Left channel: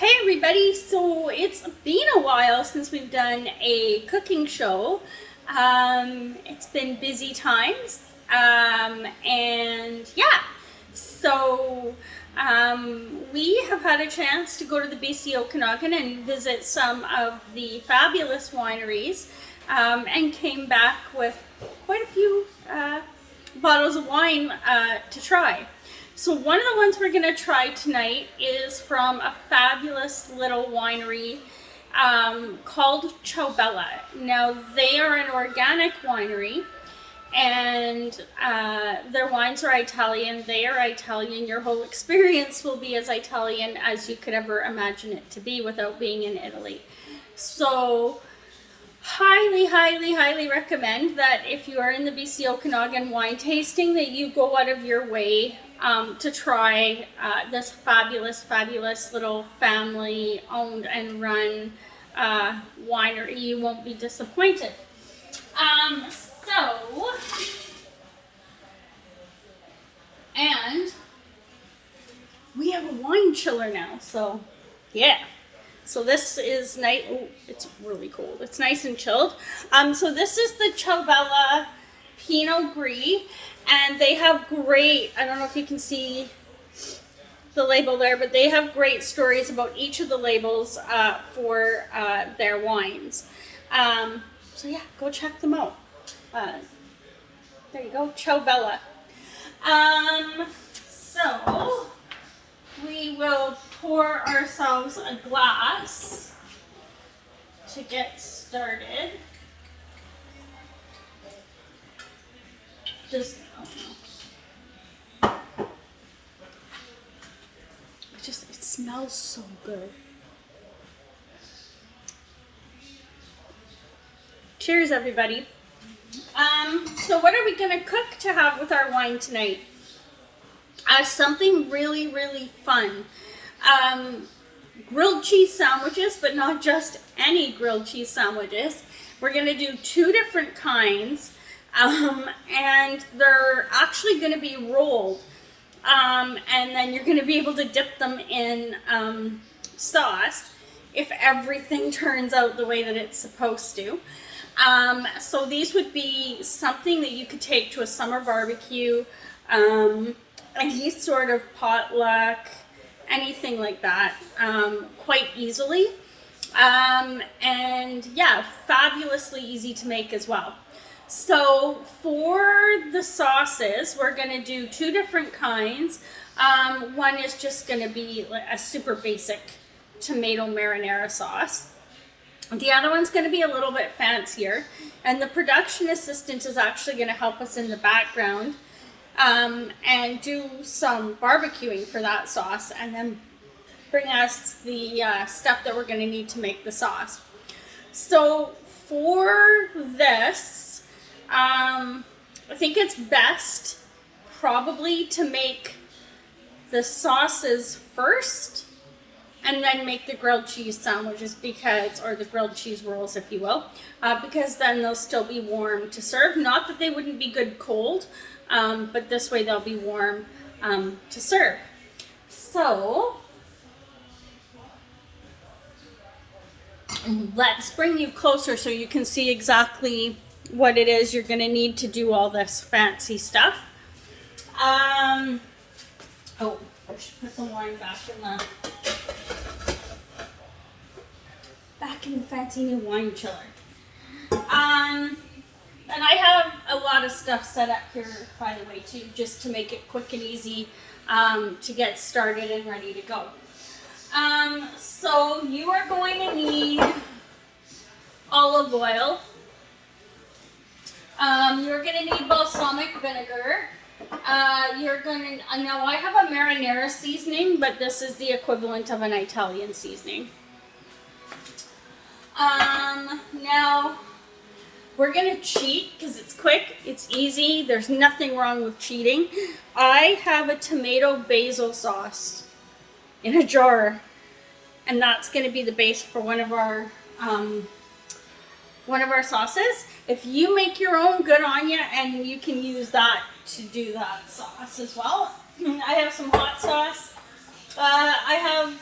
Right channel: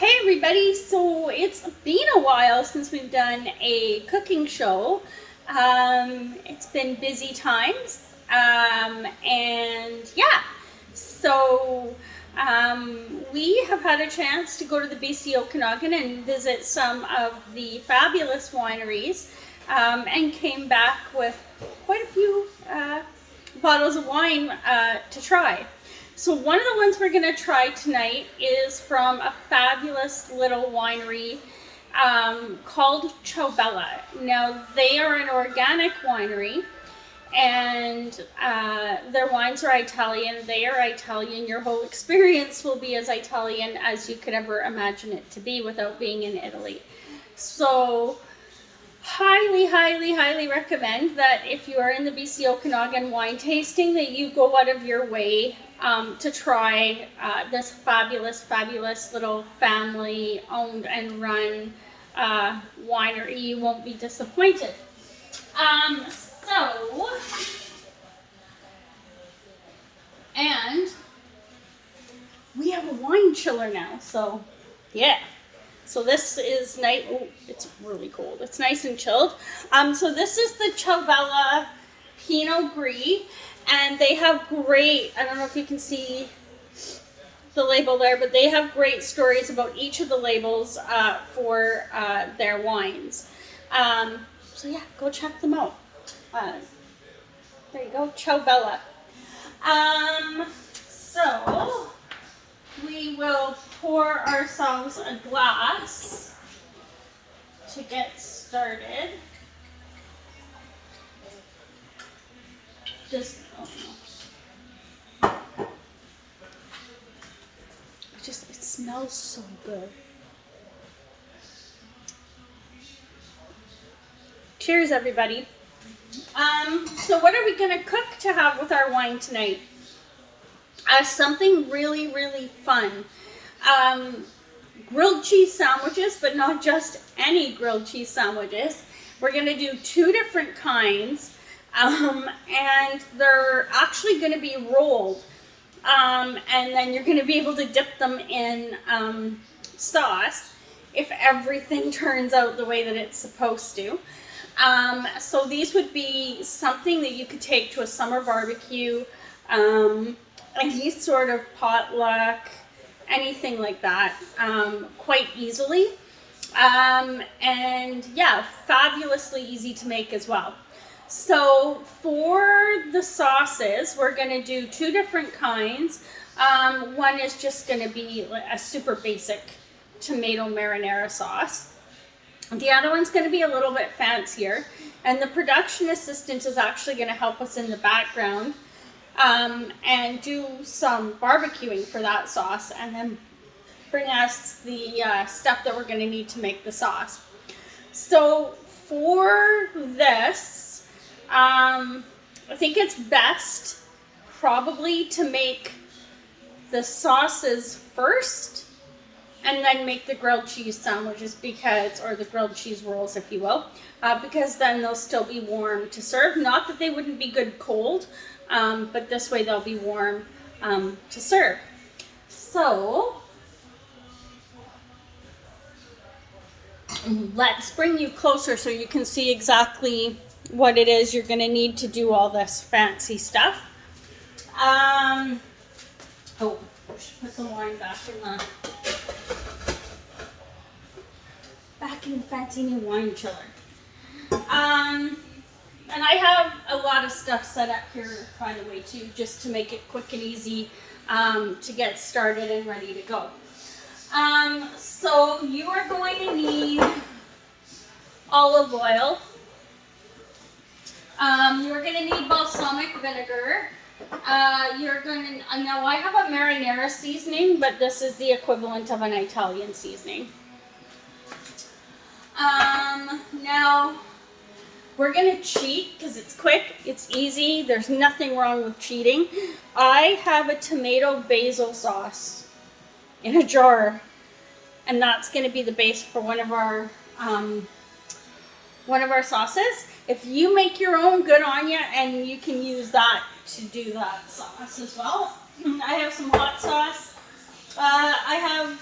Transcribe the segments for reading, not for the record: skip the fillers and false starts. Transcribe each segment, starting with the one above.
Hey everybody, so it's been a while since we've done a cooking show. It's been busy times, and yeah, so we have had a chance to go to the BC Okanagan and visit some of the fabulous wineries, and came back with quite a few bottles of wine to try. So one of the ones we're going to try tonight is from a fabulous little winery called Ciobella. Now, they are an organic winery, and their wines are Italian. They are Italian. Your whole experience will be as Italian as you could ever imagine it to be without being in Italy. So highly recommend that if you are in the BC Okanagan wine tasting, that you go out of your way to try this fabulous little family owned and run winery. You won't be disappointed. And we have a wine chiller now, so yeah. So this is nice. Oh, it's really cold. It's nice and chilled. So this is the Ciobella Pinot Gris, and they have great, I don't know if you can see the label there, but they have great stories about each of the labels for their wines. So yeah, go check them out. There you go, Ciobella. So we will pour ourselves a glass to get started. Just, it smells so good. Cheers, everybody. So what are we gonna cook to have with our wine tonight? Something really fun. Grilled cheese sandwiches, but not just any grilled cheese sandwiches. We're gonna do two different kinds, and they're actually gonna be rolled, and then you're gonna be able to dip them in sauce if everything turns out the way that it's supposed to. So these would be something that you could take to a summer barbecue, any sort of potluck, anything like that, quite easily. And yeah, fabulously easy to make as well. So for the sauces, we're going to do two different kinds. One is just going to be a super basic tomato marinara sauce. The other one's going to be a little bit fancier, and the production assistant is actually going to help us in the background and do some barbecuing for that sauce, and then bring us the stuff that we're going to need to make the sauce. So for this, I think it's best probably to make the sauces first and then make the grilled cheese sandwiches, or the grilled cheese rolls, if you will, because then they'll still be warm to serve. Not that they wouldn't be good cold, but this way they'll be warm to serve. So let's bring you closer so you can see exactly what it is you're going to need to do all this fancy stuff. I should put some wine back in the fancy new wine chiller. And I have a lot of stuff set up here, by the way, too, just to make it quick and easy to get started and ready to go. So you are going to need olive oil. You're going to need balsamic vinegar. Now I have a marinara seasoning, but this is the equivalent of an Italian seasoning. Now we're going to cheat because it's quick, it's easy, there's nothing wrong with cheating. I have a tomato basil sauce in a jar, and that's going to be the base for one of our sauces. If you make your own, good on you, and you can use that to do that sauce as well. I have some hot sauce. I have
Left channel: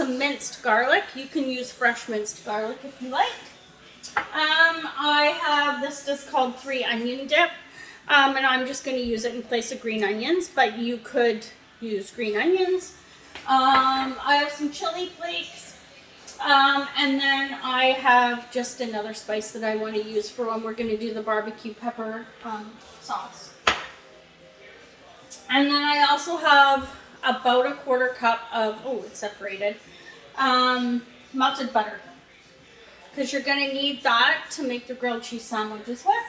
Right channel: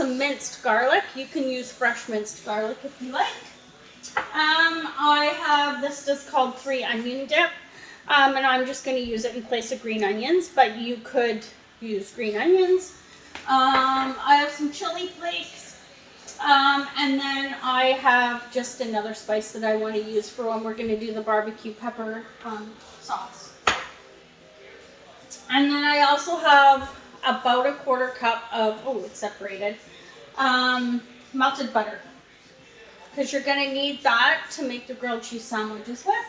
some minced garlic. You can use fresh minced garlic if you like. I have this just called 3 onion dip, and I'm just going to use it in place of green onions, but you could use green onions. I have some chili flakes, and then I have just another spice that I want to use for when we're going to do the barbecue pepper sauce. And then I also have about a 1/4 cup of, oh, it's separated, melted butter. Because you're going to need that to make the grilled cheese sandwiches with.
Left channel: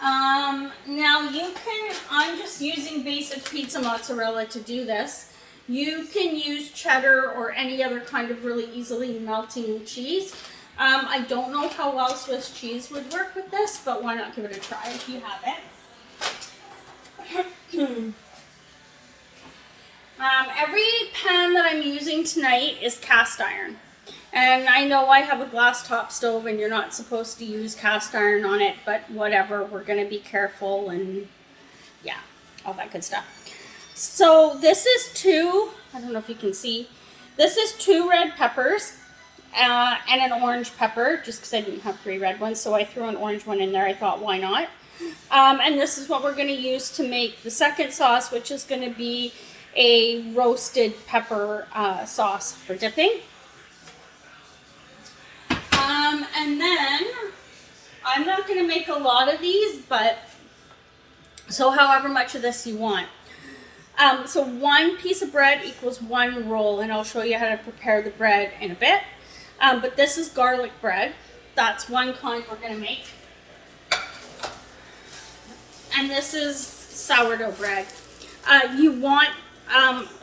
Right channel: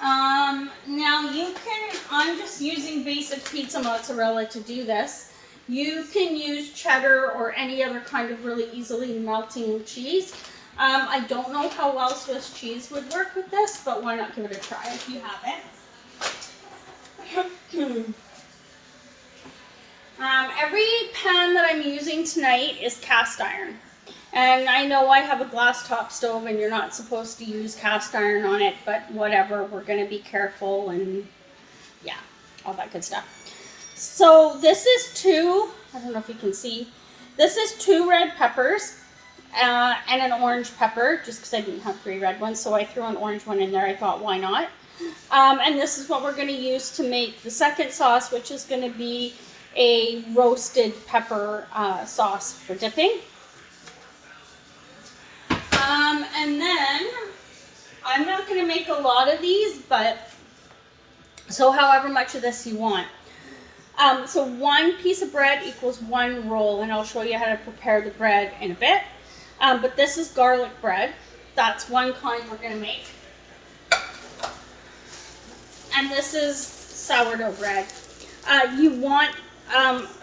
Now you can, I'm just using basic pizza mozzarella to do this. You can use cheddar or any other kind of really easily melting cheese. I don't know how well Swiss cheese would work with this, but why not give it a try if you have it. Every pan that I'm using tonight is cast iron. And I know I have a glass top stove and you're not supposed to use cast iron on it, but whatever, we're going to be careful and yeah, all that good stuff. So this is 2, I don't know if you can see, this is 2 red peppers and an orange pepper, just because I didn't have 3 red ones, so I threw an orange one in there. I thought, why not? And this is what we're going to use to make the second sauce, which is going to be a roasted pepper sauce for dipping. And then I'm not going to make a lot of these, but so however much of this you want. So 1 piece of bread equals 1 roll, and I'll show you how to prepare the bread in a bit. But this is garlic bread. That's 1 kind we're going to make. And this is sourdough bread. You want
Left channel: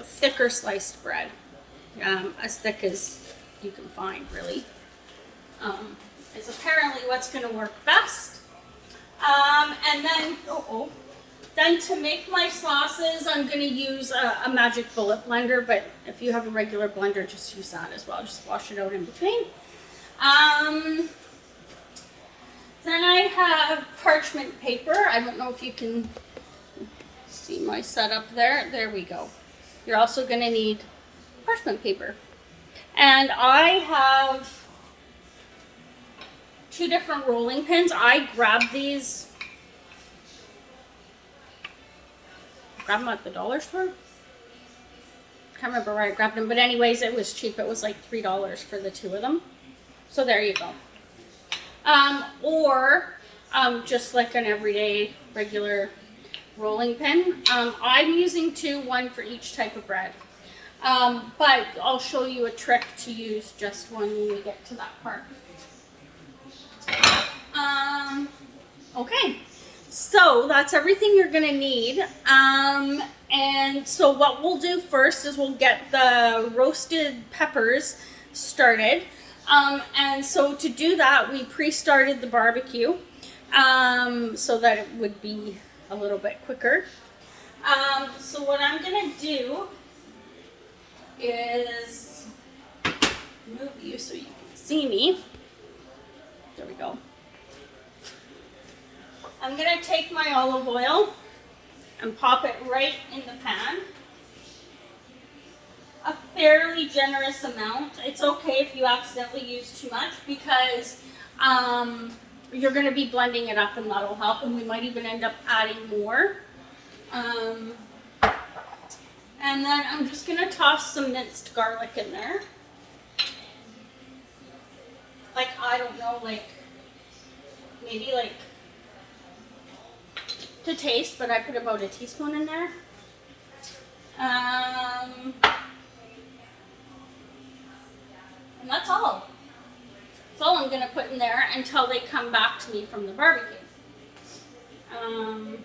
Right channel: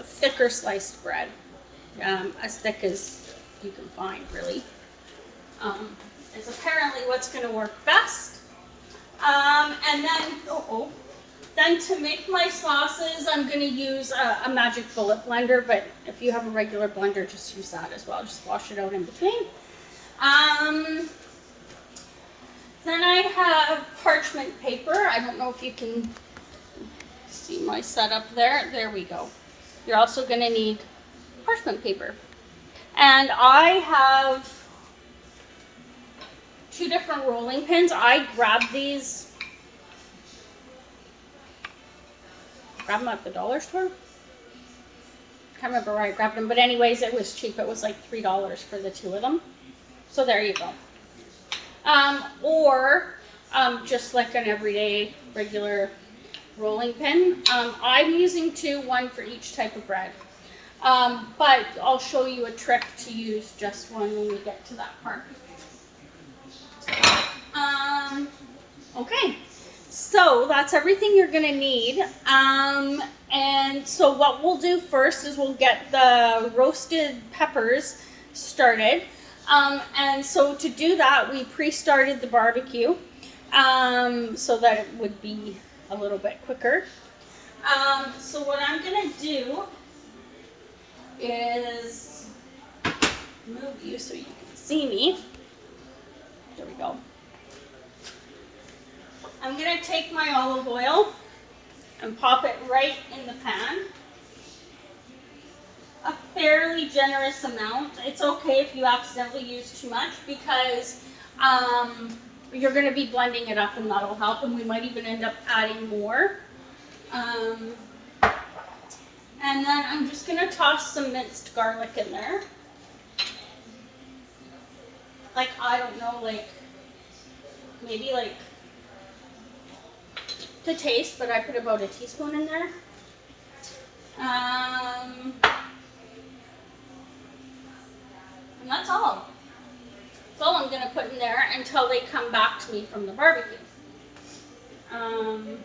thicker sliced bread, as thick as you can find, really. Is apparently what's going to work best. And then, then to make my sauces, I'm going to use a Magic Bullet blender, but if you have a regular blender, just use that as well. Just wash it out in between. Then I have parchment paper. I don't know if you can see my setup there. There we go. You're also going to need parchment paper. And I have 2 different rolling pins. I grabbed these, them at the dollar store. Can't remember where I grabbed them, but anyways, it was cheap. It was like $3 for the 2 of them. So there you go. Or just like an everyday regular rolling pin. I'm using 2, 1 for each type of bread. But I'll show you a trick to use just one when we get to that part. Okay, so that's everything you're gonna need. And so what we'll do first is we'll get the roasted peppers started. And so to do that, we pre-started the barbecue so that it would be a little bit quicker. So what I'm gonna do is move you so you can see me. There we go. I'm going to take my olive oil and pop it right in the pan. A fairly generous amount. It's okay if you accidentally use too much because you're going to be blending it up and that'll help, and we might even end up adding more. And then I'm just going to toss some minced garlic in there. Like, I don't know, like, maybe like to taste, but I put about a teaspoon in there. And that's all. That's all I'm gonna put in there until they come back to me from the barbecue. The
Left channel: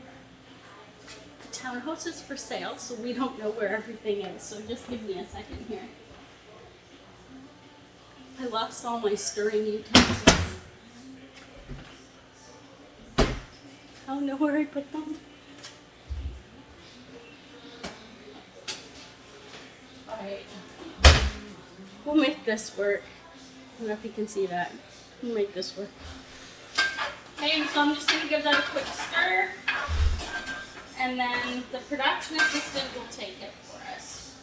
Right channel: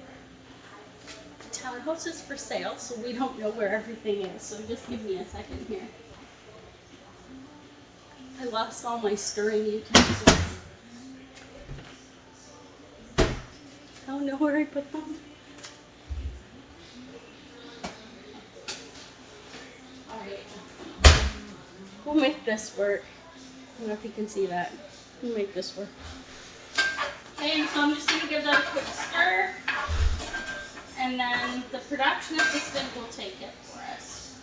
townhouse is for sale, so we don't know where everything is, so just give me a second here. I lost all my stirring utensils. I don't know where I put them. Alright. We'll make this work. I don't know if you can see that. We'll make this work. Okay, so I'm just going to give that a quick stir. And then the production assistant will take it for us.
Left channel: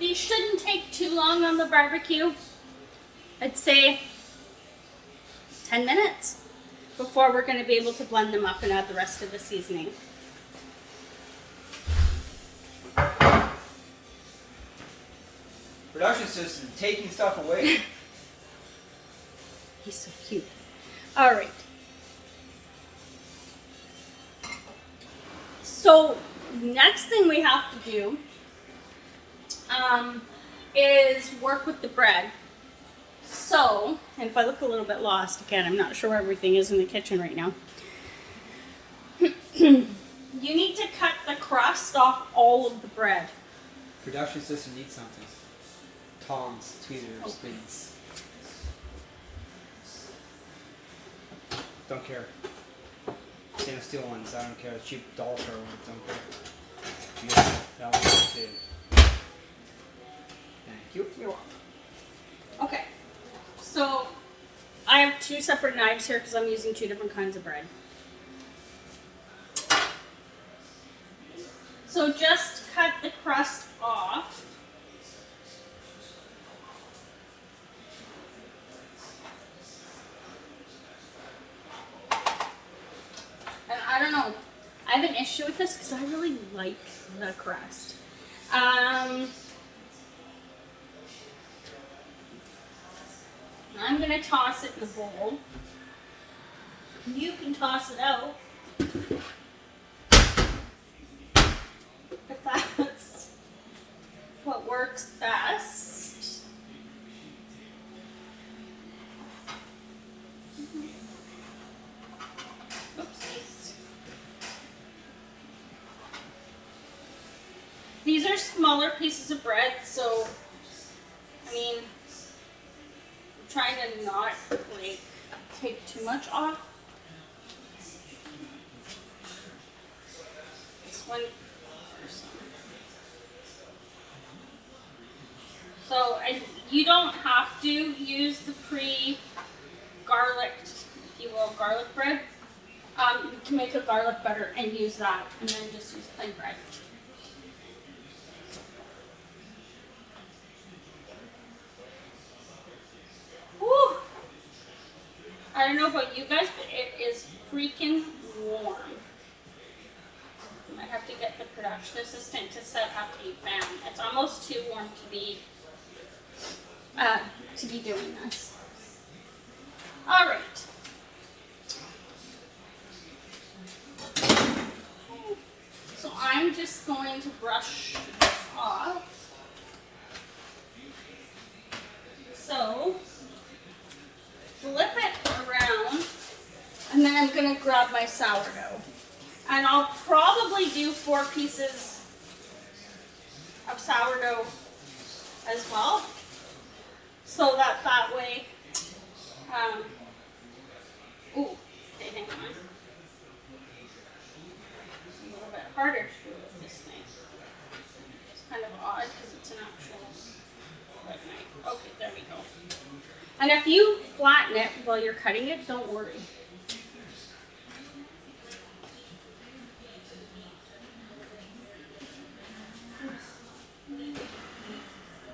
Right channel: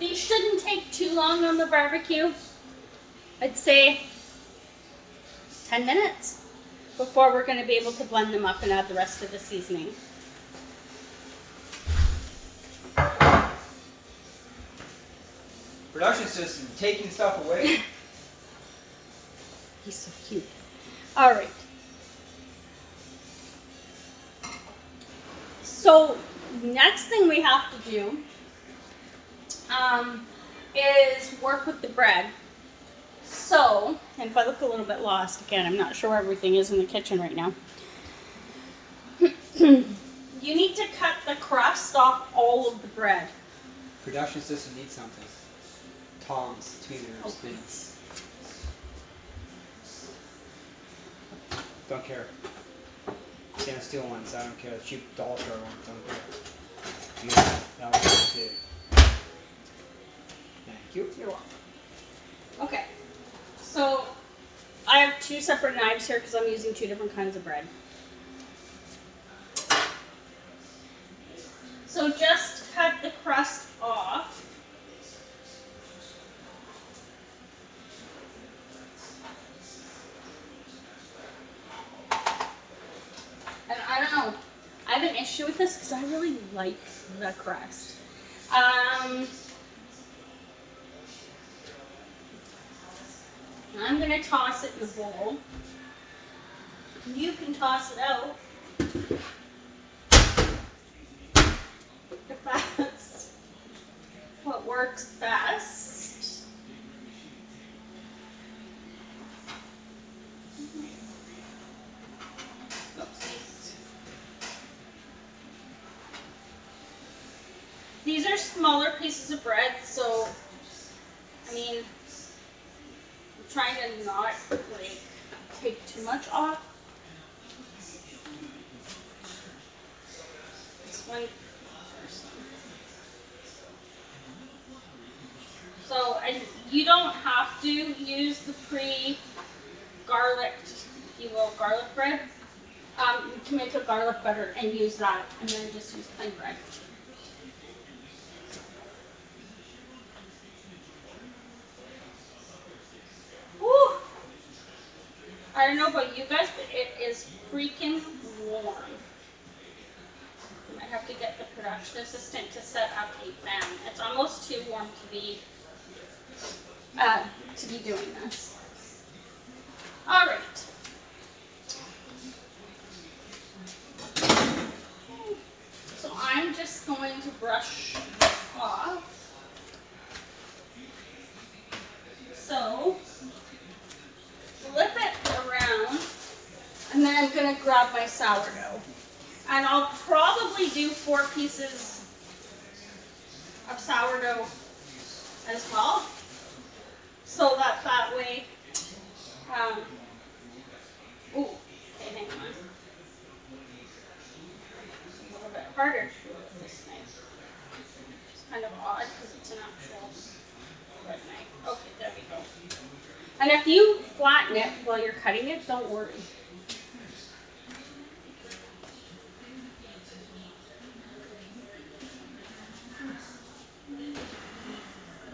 These shouldn't take too long on the barbecue. I'd say 10 minutes before we're going to be able to blend them up and add the rest of the seasoning. Production assistant taking stuff away. He's so cute. All right. So next thing we have to do is work with the bread. So, and if I look a little bit lost, again, I'm not sure where everything is in the kitchen right now. You need to cut the crust off all of the bread. Production assistant needs something. Tongs, tweezers, things. Don't care. Can't steal ones. I don't care. Cheap dollar store ones. Don't care. Yeah, that one's too. Thank you. You're welcome. Okay. So I have two separate knives here because I'm using two different kinds of bread. So just cut the crust off. And I don't know, I have an issue with this because I really like the crust. I'm going to toss it in the bowl. You can toss it out if that's what works best. Oopsies. These are smaller pieces of bread, so I mean, I'm trying to not like take too much off. This one. So, and you don't have to use the pre-garlicked, if you will, garlic bread. You can make a garlic butter and use that, and then just use plain bread. Woo! I don't know about you guys, but it is freaking warm. I might have to get the production assistant to set up a fan. It's almost too warm to be doing this. All right. So I'm just going to brush this off. So flip it around, and then I'm going to grab my sourdough. And I'll probably do 4 pieces of sourdough as well. So that way, ooh, okay, hang on. It's a little bit harder to do with this thing. It's kind of odd because it's an actual bread knife. Okay, there we go. And if you flatten it while you're cutting it, don't worry.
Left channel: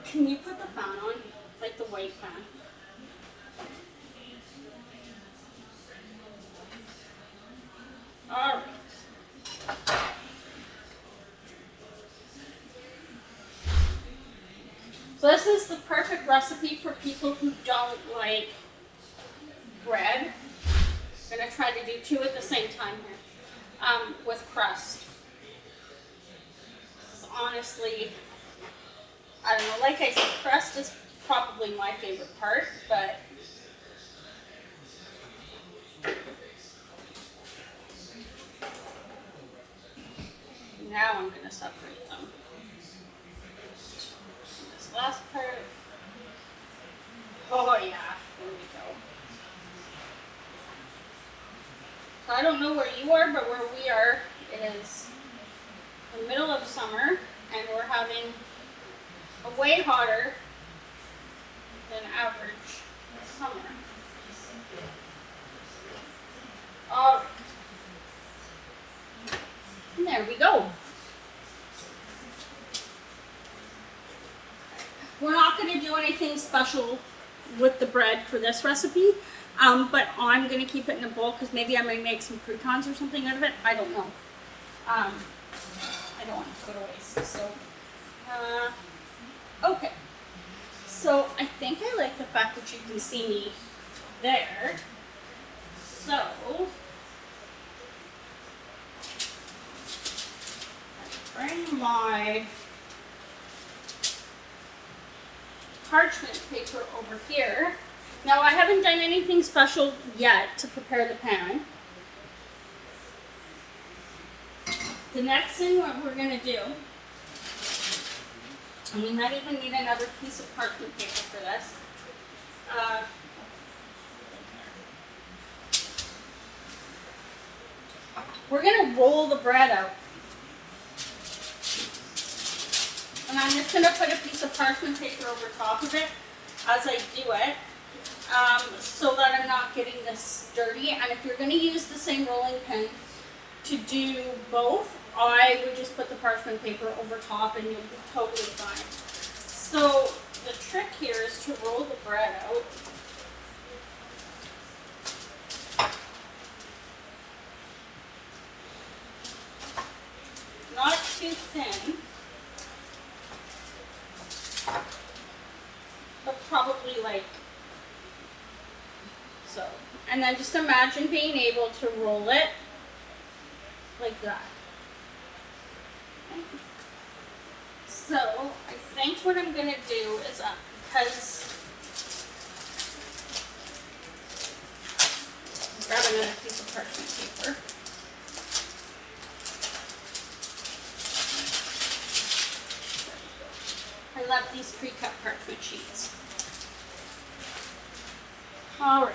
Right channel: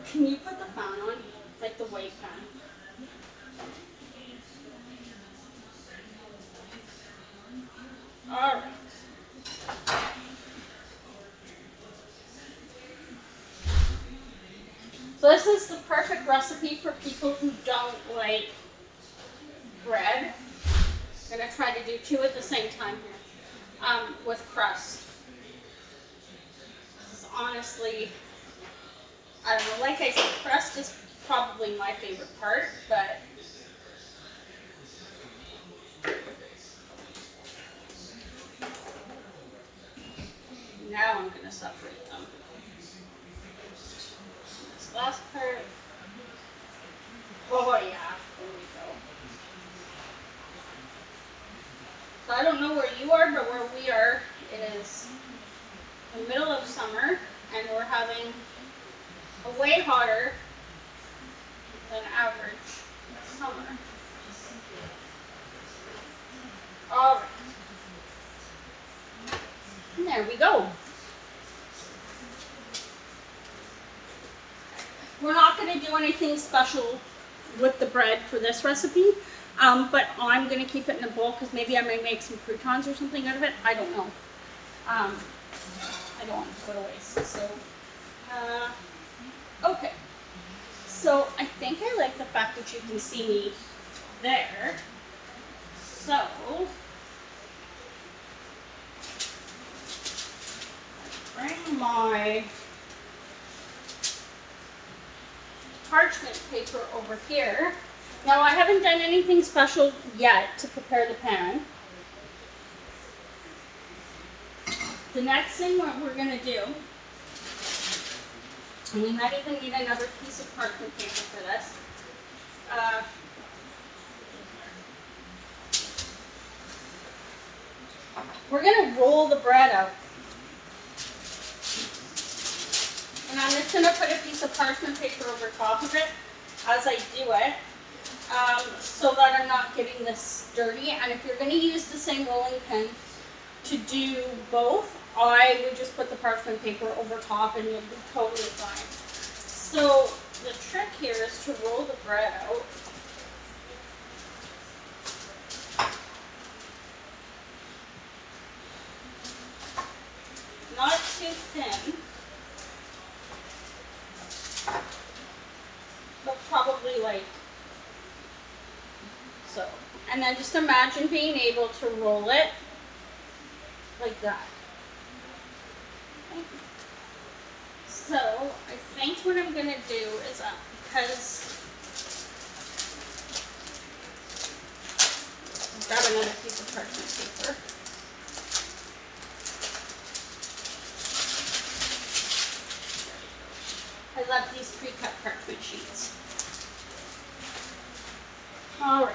Can you put the fan on? Like the white fan. All right. So this is the perfect recipe for people who don't like bread. I'm gonna try to do 2 at the same time here, with crust. This is honestly, I don't know, like I said, crust is probably my favorite part, but now I'm going to separate them. This last part. Oh yeah, there we go. So I don't know where you are, but where we are, it is the middle of summer, and we're having a way hotter than average summer. All right. And there we go. We're not going to do anything special with the bread for this recipe, but I'm going to keep it in a bowl because maybe I might make some croutons or something out of it. I don't know. I don't want it to go to waste. So, okay. So I think I like the fact that you can see me there. So, bring my parchment paper over here. Now I haven't done anything special yet to prepare the pan. The next thing what we're going to do, and we might even need another piece of parchment paper for this. We're going to roll the bread out. And I'm just going to put a piece of parchment paper over top of it as I do it, so that I'm not getting this dirty. And if you're going to use the same rolling pin to do both, I would just put the parchment paper over top and you'll be totally fine. So the trick here is to roll the bread out. Not too thin, but probably like so. And then just imagine being able to roll it like that. Okay. So I think what I'm going to do is, because grab another piece of parchment paper. I love these pre-cut parchment sheets. All right.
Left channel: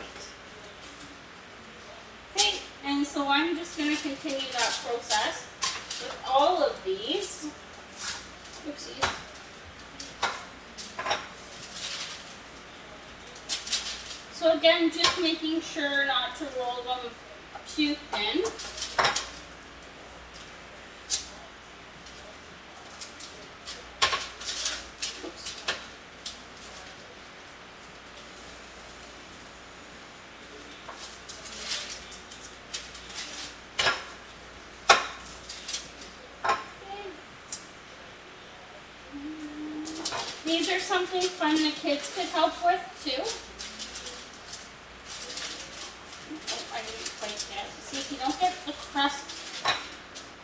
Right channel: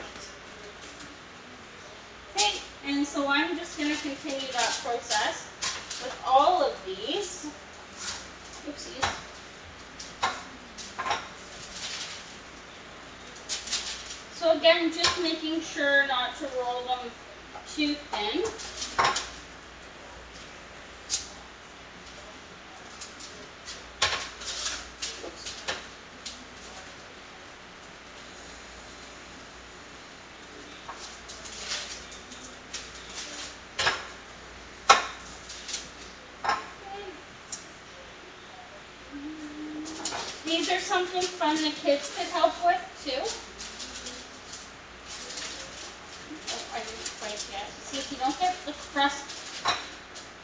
Okay, and so I'm just going to continue that process with all of these. Oopsies. So again, just making sure not to roll them too thin. These are something fun the kids could help with too. Oh, I didn't quite get it. See, if you don't get the crust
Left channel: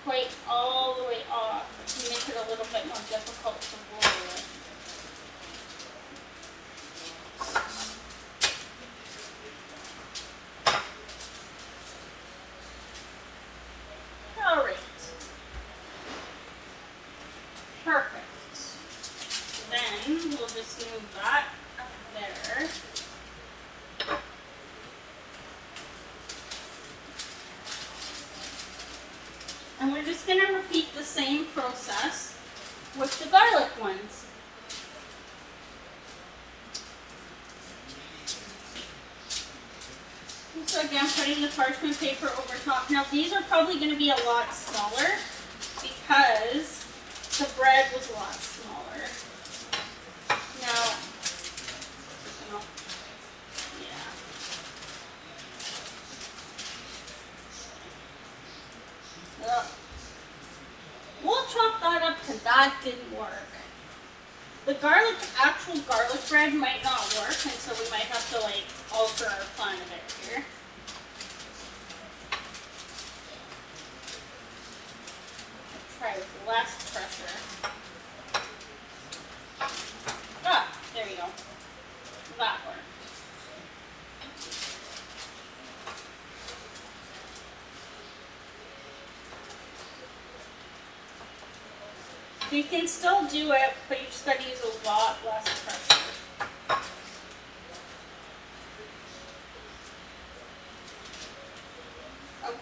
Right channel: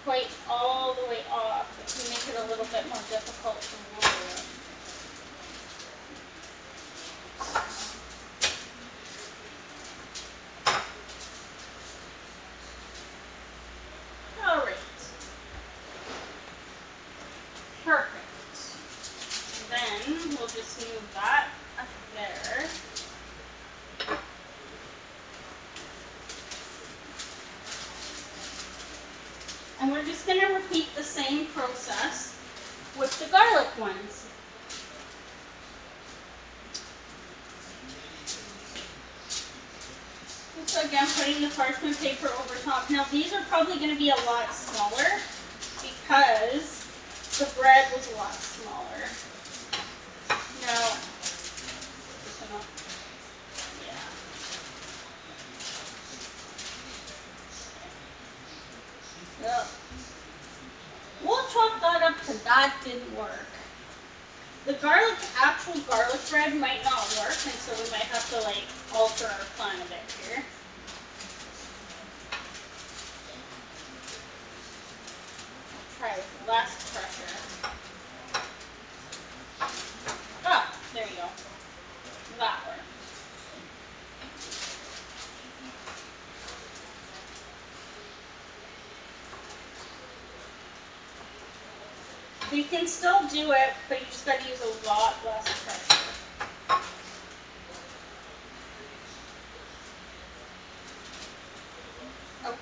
quite all the way off, it can make it a little bit more difficult to roll it. All right. Perfect. Then we'll just move that up there. And we're just going to repeat the same process with the garlic ones. So again, putting the parchment paper over top. Now these are probably going to be a lot smaller because the bread was a lot smaller. Now, yeah. Yep. We'll chalk that up because that didn't work. The actual garlic bread might not work, and so we might have to like alter our plan a bit here. Try with less pressure. Ah, there you go. That worked. You can still do it, but you just got to use a lot less pressure. Okay.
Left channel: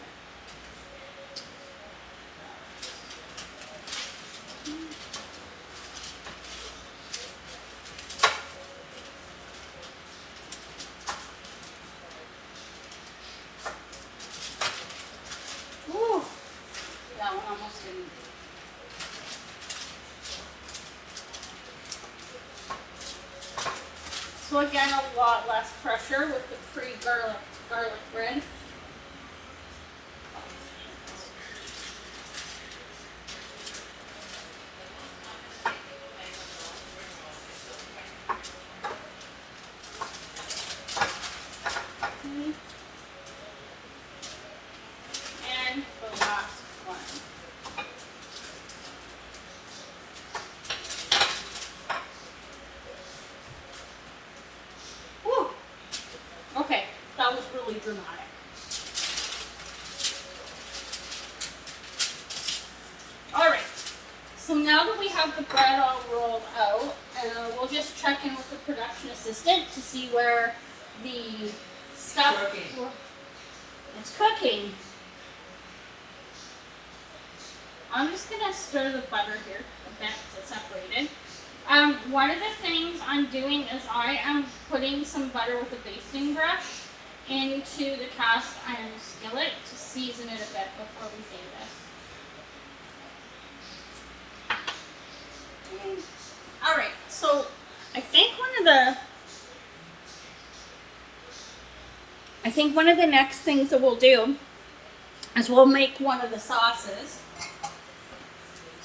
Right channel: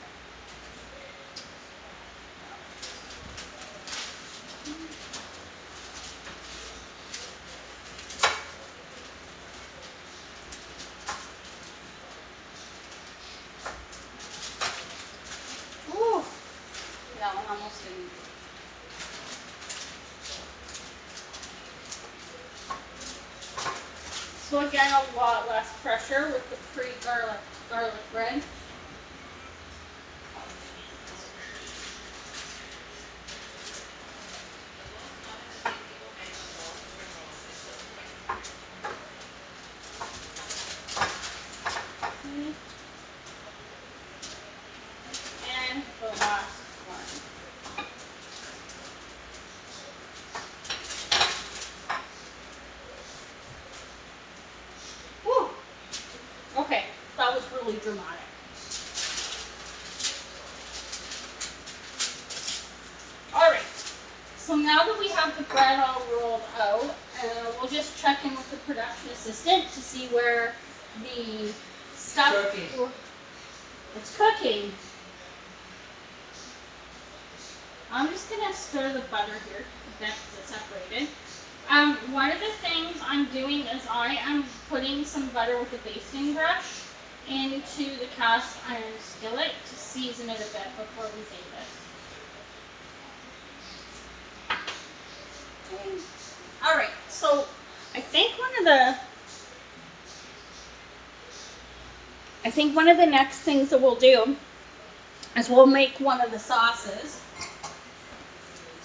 Ooh, that one almost didn't. So again, a lot less pressure with the pre-garlic bread. And the last one. Whew. Okay, that was really dramatic. Alright, so now that we have the bread all rolled out, we'll just check in with the production assistant to see where the stuff... Cooking. It's cooking. I'm just going to stir the butter here a bit because it's separated. One of the things I'm doing is I am putting some butter with a basting brush into the cast iron skillet to season it a bit before we bake it. Alright, so I think one of the next things that we'll do is we'll make one of the sauces.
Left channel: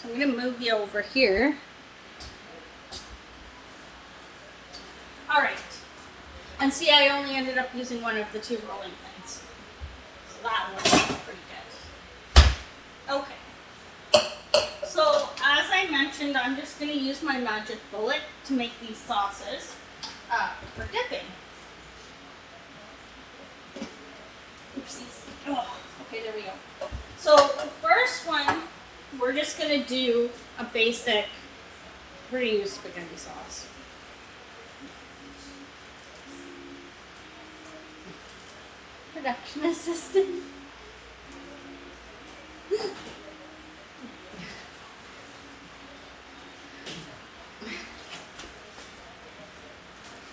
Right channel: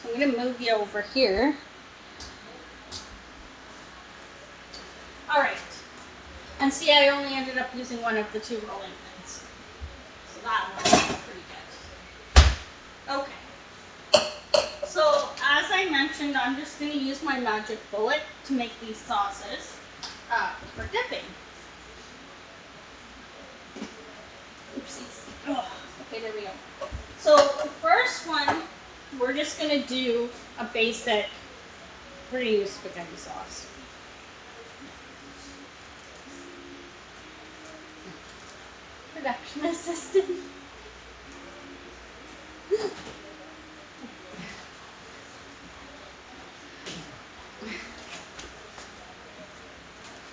So I'm going to move you over here. Alright. And see, I only ended up using one of the two rolling pins. So that was pretty good. Okay. So, as I mentioned, I'm just going to use my magic bullet to make these sauces for dipping. Oopsies. Oh, okay, there we go. So, the first one, we're just going to do a basic, we're going to use spaghetti sauce. Production assistant.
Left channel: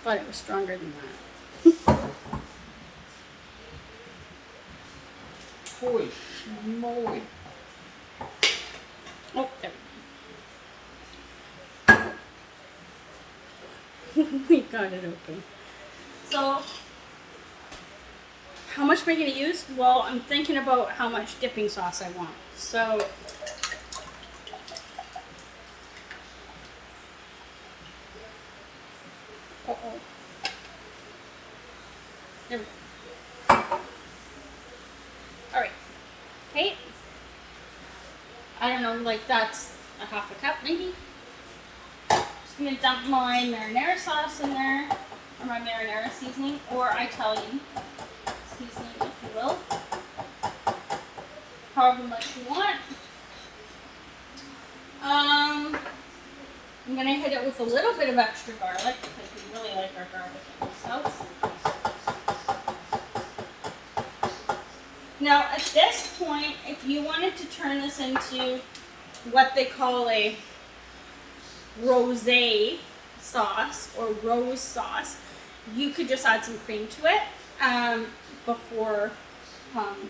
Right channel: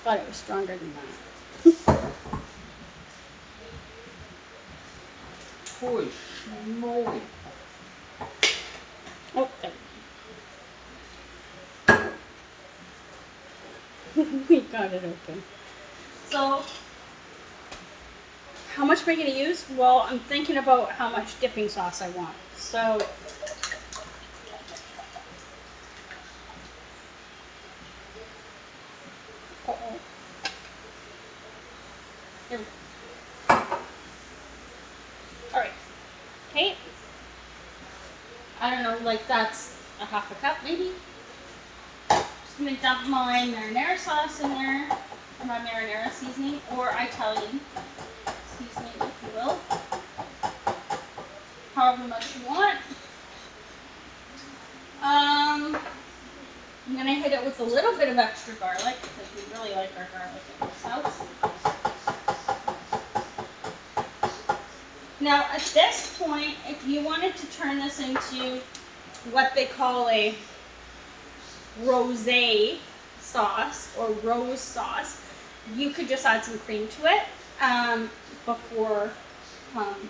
Thought it was stronger than that. Holy moly. Oh, there we go. We got it open. So, how much am I going to use? Well, I'm thinking about how much dipping sauce I want. So, there we go. Alright. Okay. I don't know, like that's a half a cup maybe. Just going to dump my marinara sauce in there, or my marinara seasoning, or Italian seasoning, if you will. However much you want. I'm going to hit it with a little bit of extra garlic, because we really like our garlic in this house. Now, at this point, if you wanted to turn this into what they call a rosé sauce or rose sauce, you could just add some cream to it before you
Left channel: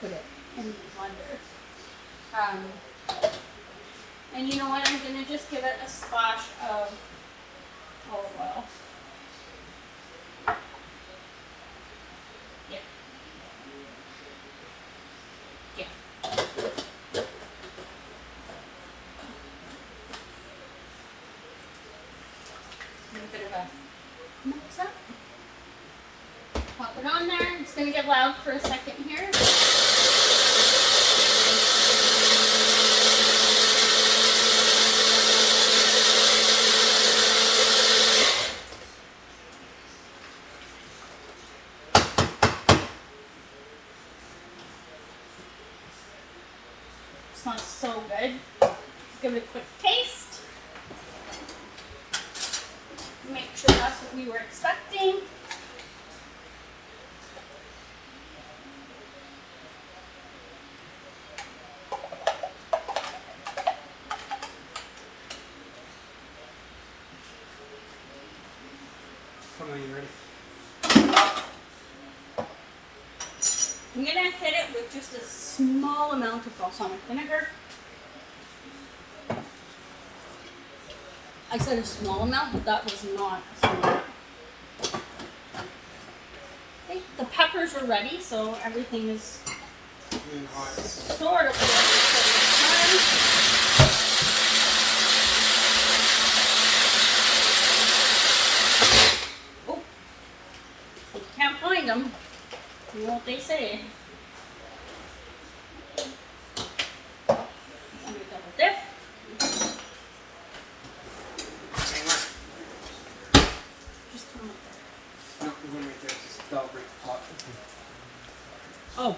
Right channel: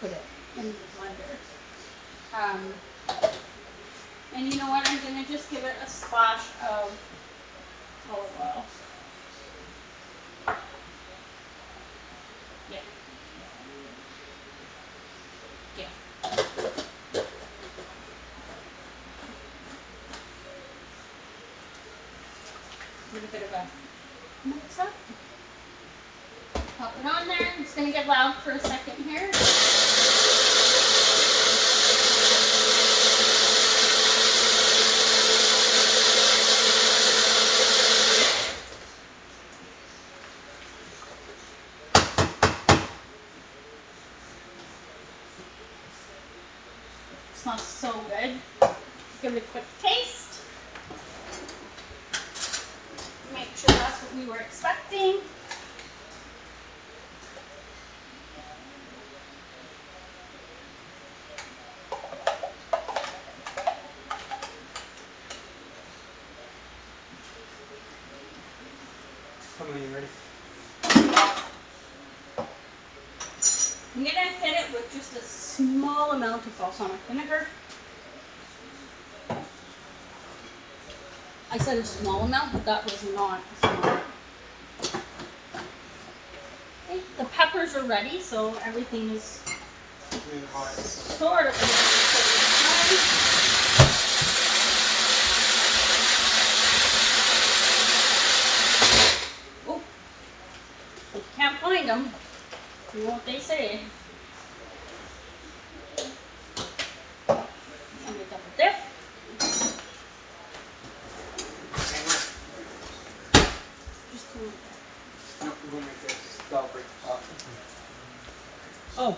put it in the blender. And you know what? I'm going to just give it a splash of olive oil. Yeah. Yeah. Give a bit of a mix up. Pop it on there. It's going to get loud for a second here. Smells so good. Give it a quick taste. Make sure that's what we were expecting. Come on, you ready? I'm going to hit it with just a small amount of balsamic vinegar. I said a small amount, but that was not a small amount. the peppers are ready, so everything is Really hot. sort of ready for this time. Oh, you can't find them. You know what they say. Let me double dip. Hang on. Just No, we're going to make this. That'll break the top. oh,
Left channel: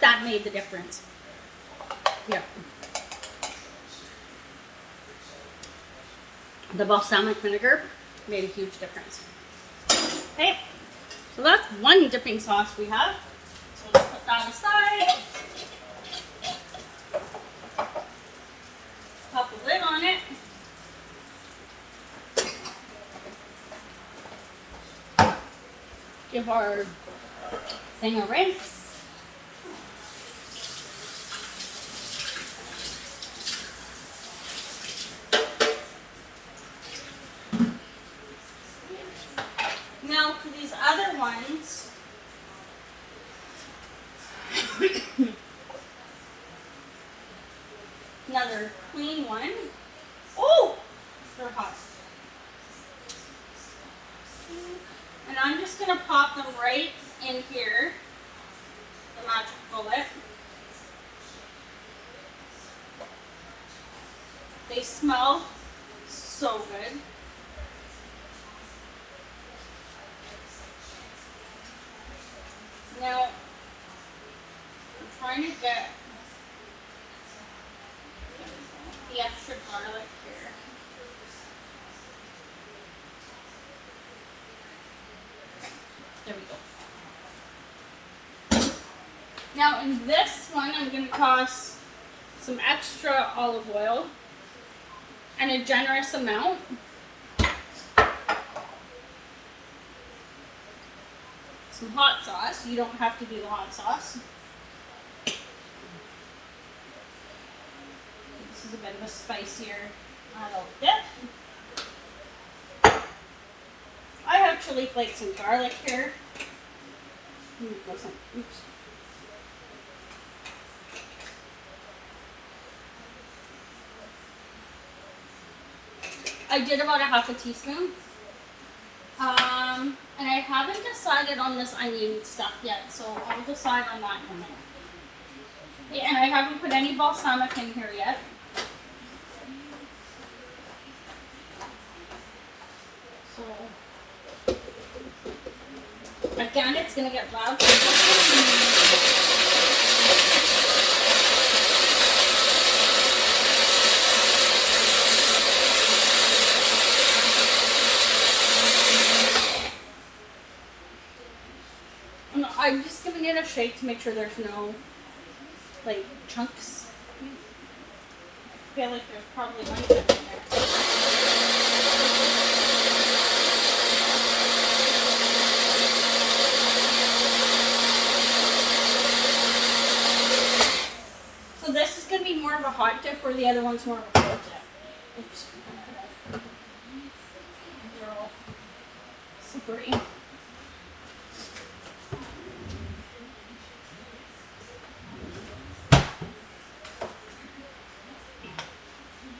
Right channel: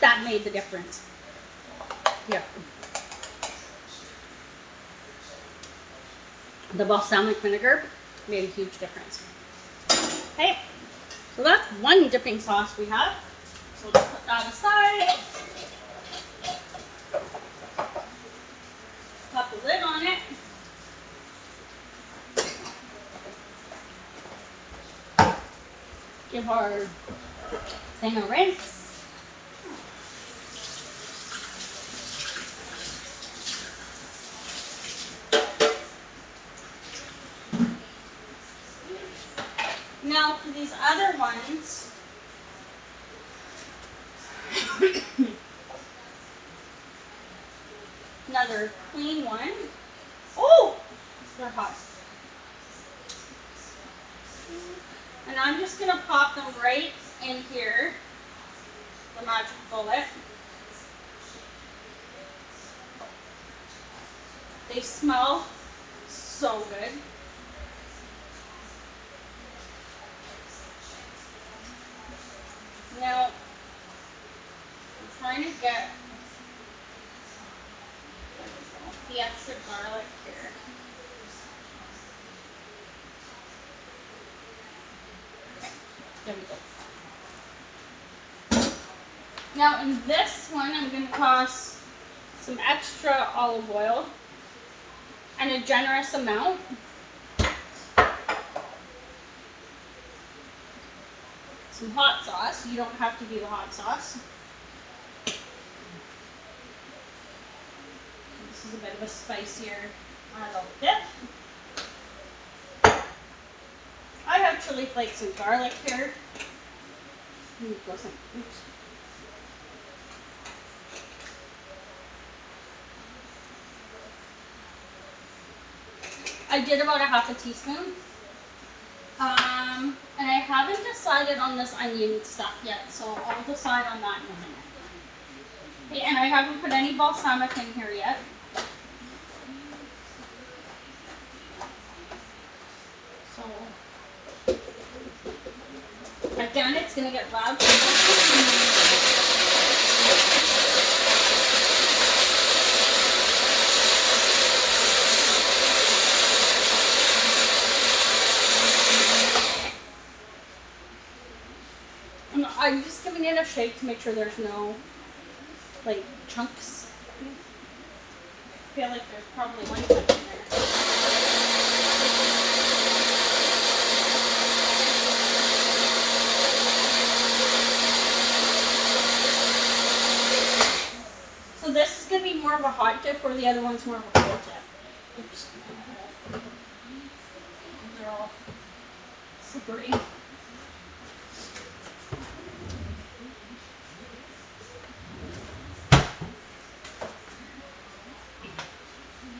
that made the difference. Yeah. The balsamic vinegar made a huge difference. Okay, so that's one dipping sauce we have. So let's put that aside. Pop the lid on it. Give our thing a rinse. Now for these other ones, another clean one. Oh, they're hot. And I'm just gonna pop them right in here, the magic bullet. They smell so good. Now, I'm trying to get the extra garlic here. There we go. Now in this one, I'm going to toss some extra olive oil and a generous amount. Some hot sauce. You don't have to do the hot sauce. This is a bit of a spicier little dip. I have chili flakes and garlic here. Oops. I did about a half a teaspoon. And I haven't decided on this onion stuff yet, so I'll decide on that in a minute. Okay, and I haven't put any balsamic in here yet. So, again, it's going to get loud. I'm just giving it a shake to make sure there's no, like, chunks. I feel like there's probably one chunk in there. So this is going to be more of a hot dip, or the other one's more of a cold dip. Oops. They're all slippery.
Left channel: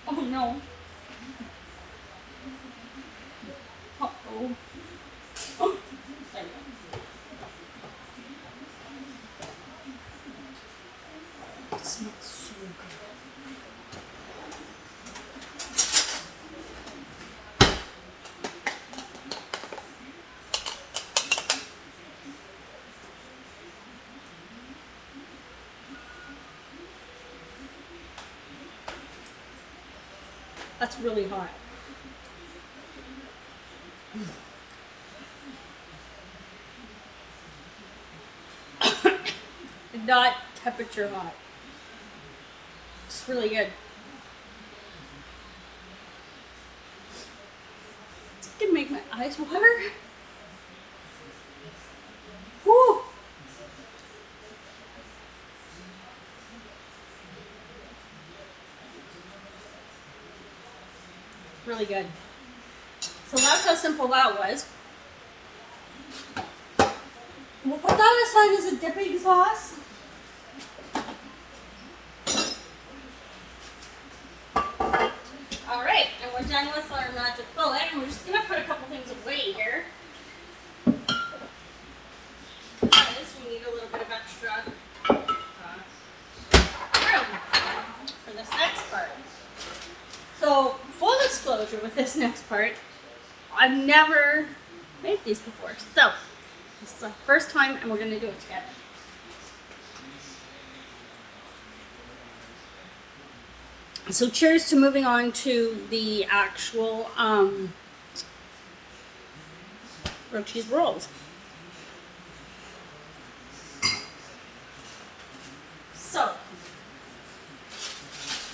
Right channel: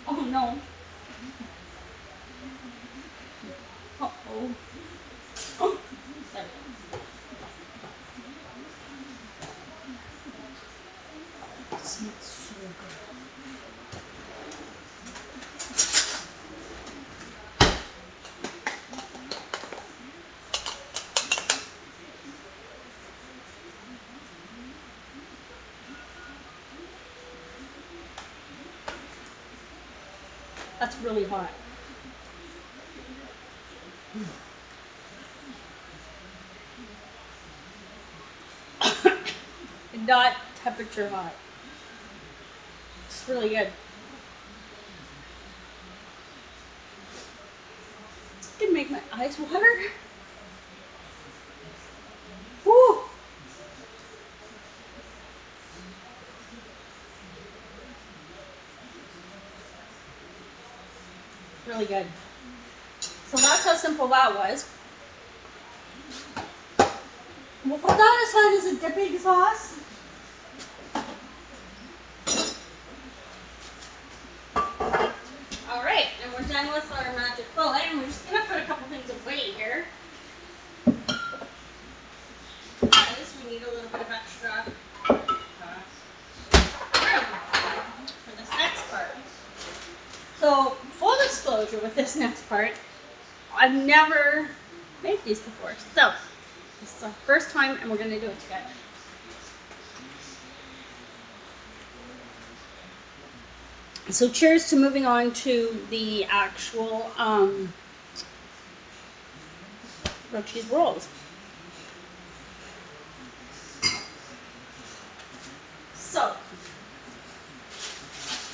Oh no. Uh-oh. Oh. There we go. It smells so good. That's really hot. Not temperature hot. It's really good. It can make my eyes water. Whew. Really good. So that's how simple that was. We'll put that aside as a dipping sauce. Alright, and we're done with our magic bullet, and we're just going to put a couple things away here. Because we need a little bit of extra room for this next part. So, full disclosure with this next part, I've never made these before. So, this is our first time, and we're going to do it together. So cheers to moving on to the actual grilled cheese rolls. So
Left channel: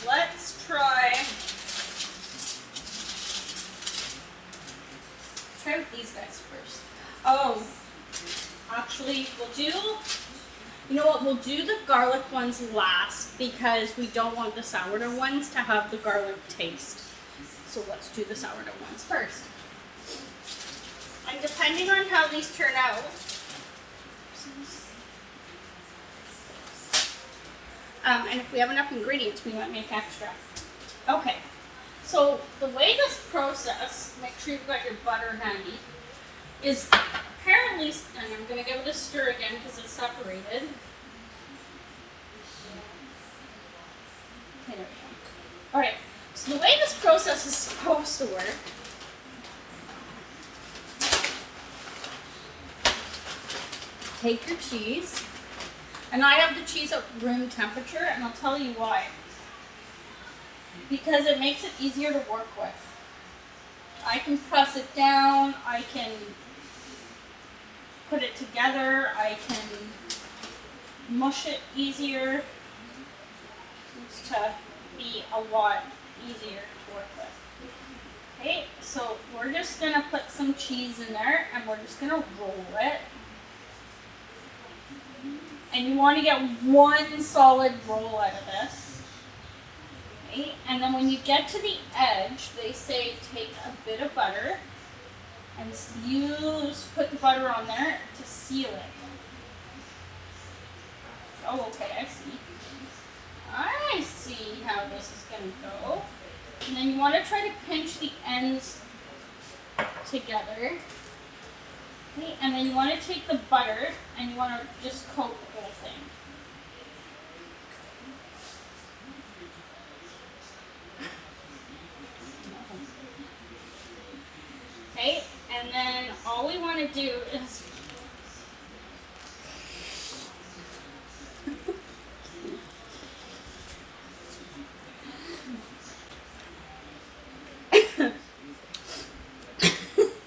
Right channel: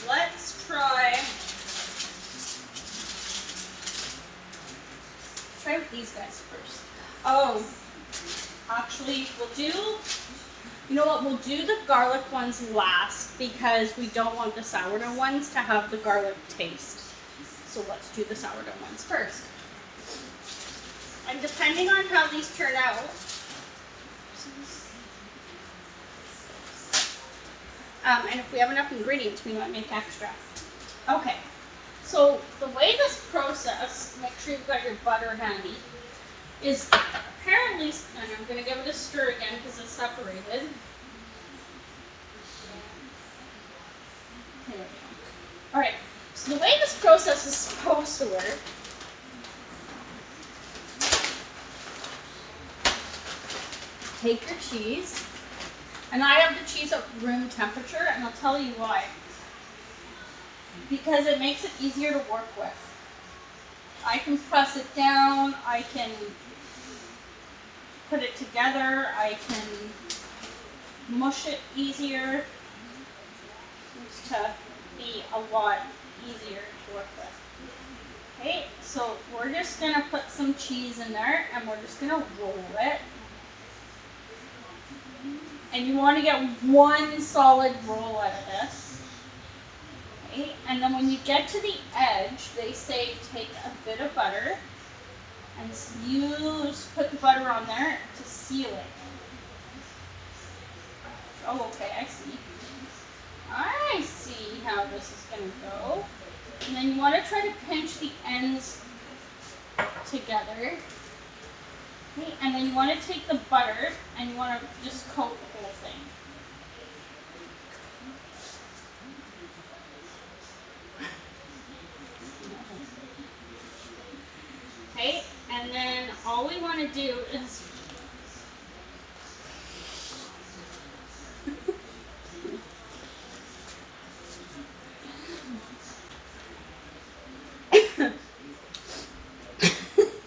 let's try with these guys first. Oh, actually we'll do, you know what, we'll do the garlic ones last because we don't want the sourdough ones to have the garlic taste. So let's do the sourdough ones first. And depending on how these turn out, and if we have enough ingredients, we might make extra. Okay, so the way this process, make sure you've got your butter handy, is apparently, and I'm going to give it a stir again because it's separated. There we go. Alright, so the way this process is supposed to work take your cheese, and I have the cheese at room temperature, and I'll tell you why. Because it makes it easier to work with. I can press it down, I can put it together, I can mush it easier. Seems to be a lot easier to work with. Okay, so we're just going to put some cheese in there, and we're just going to roll it. And you want to get one solid roll out of this. Okay? And then when you get to the edge, they say take a bit of butter and put the butter on there to seal it. Oh, okay, I see. I see how this is going to go. And then you want to try to pinch the ends together. Okay, and then you want to take the butter and you want to just coat the whole thing. Okay, and then all we want to do is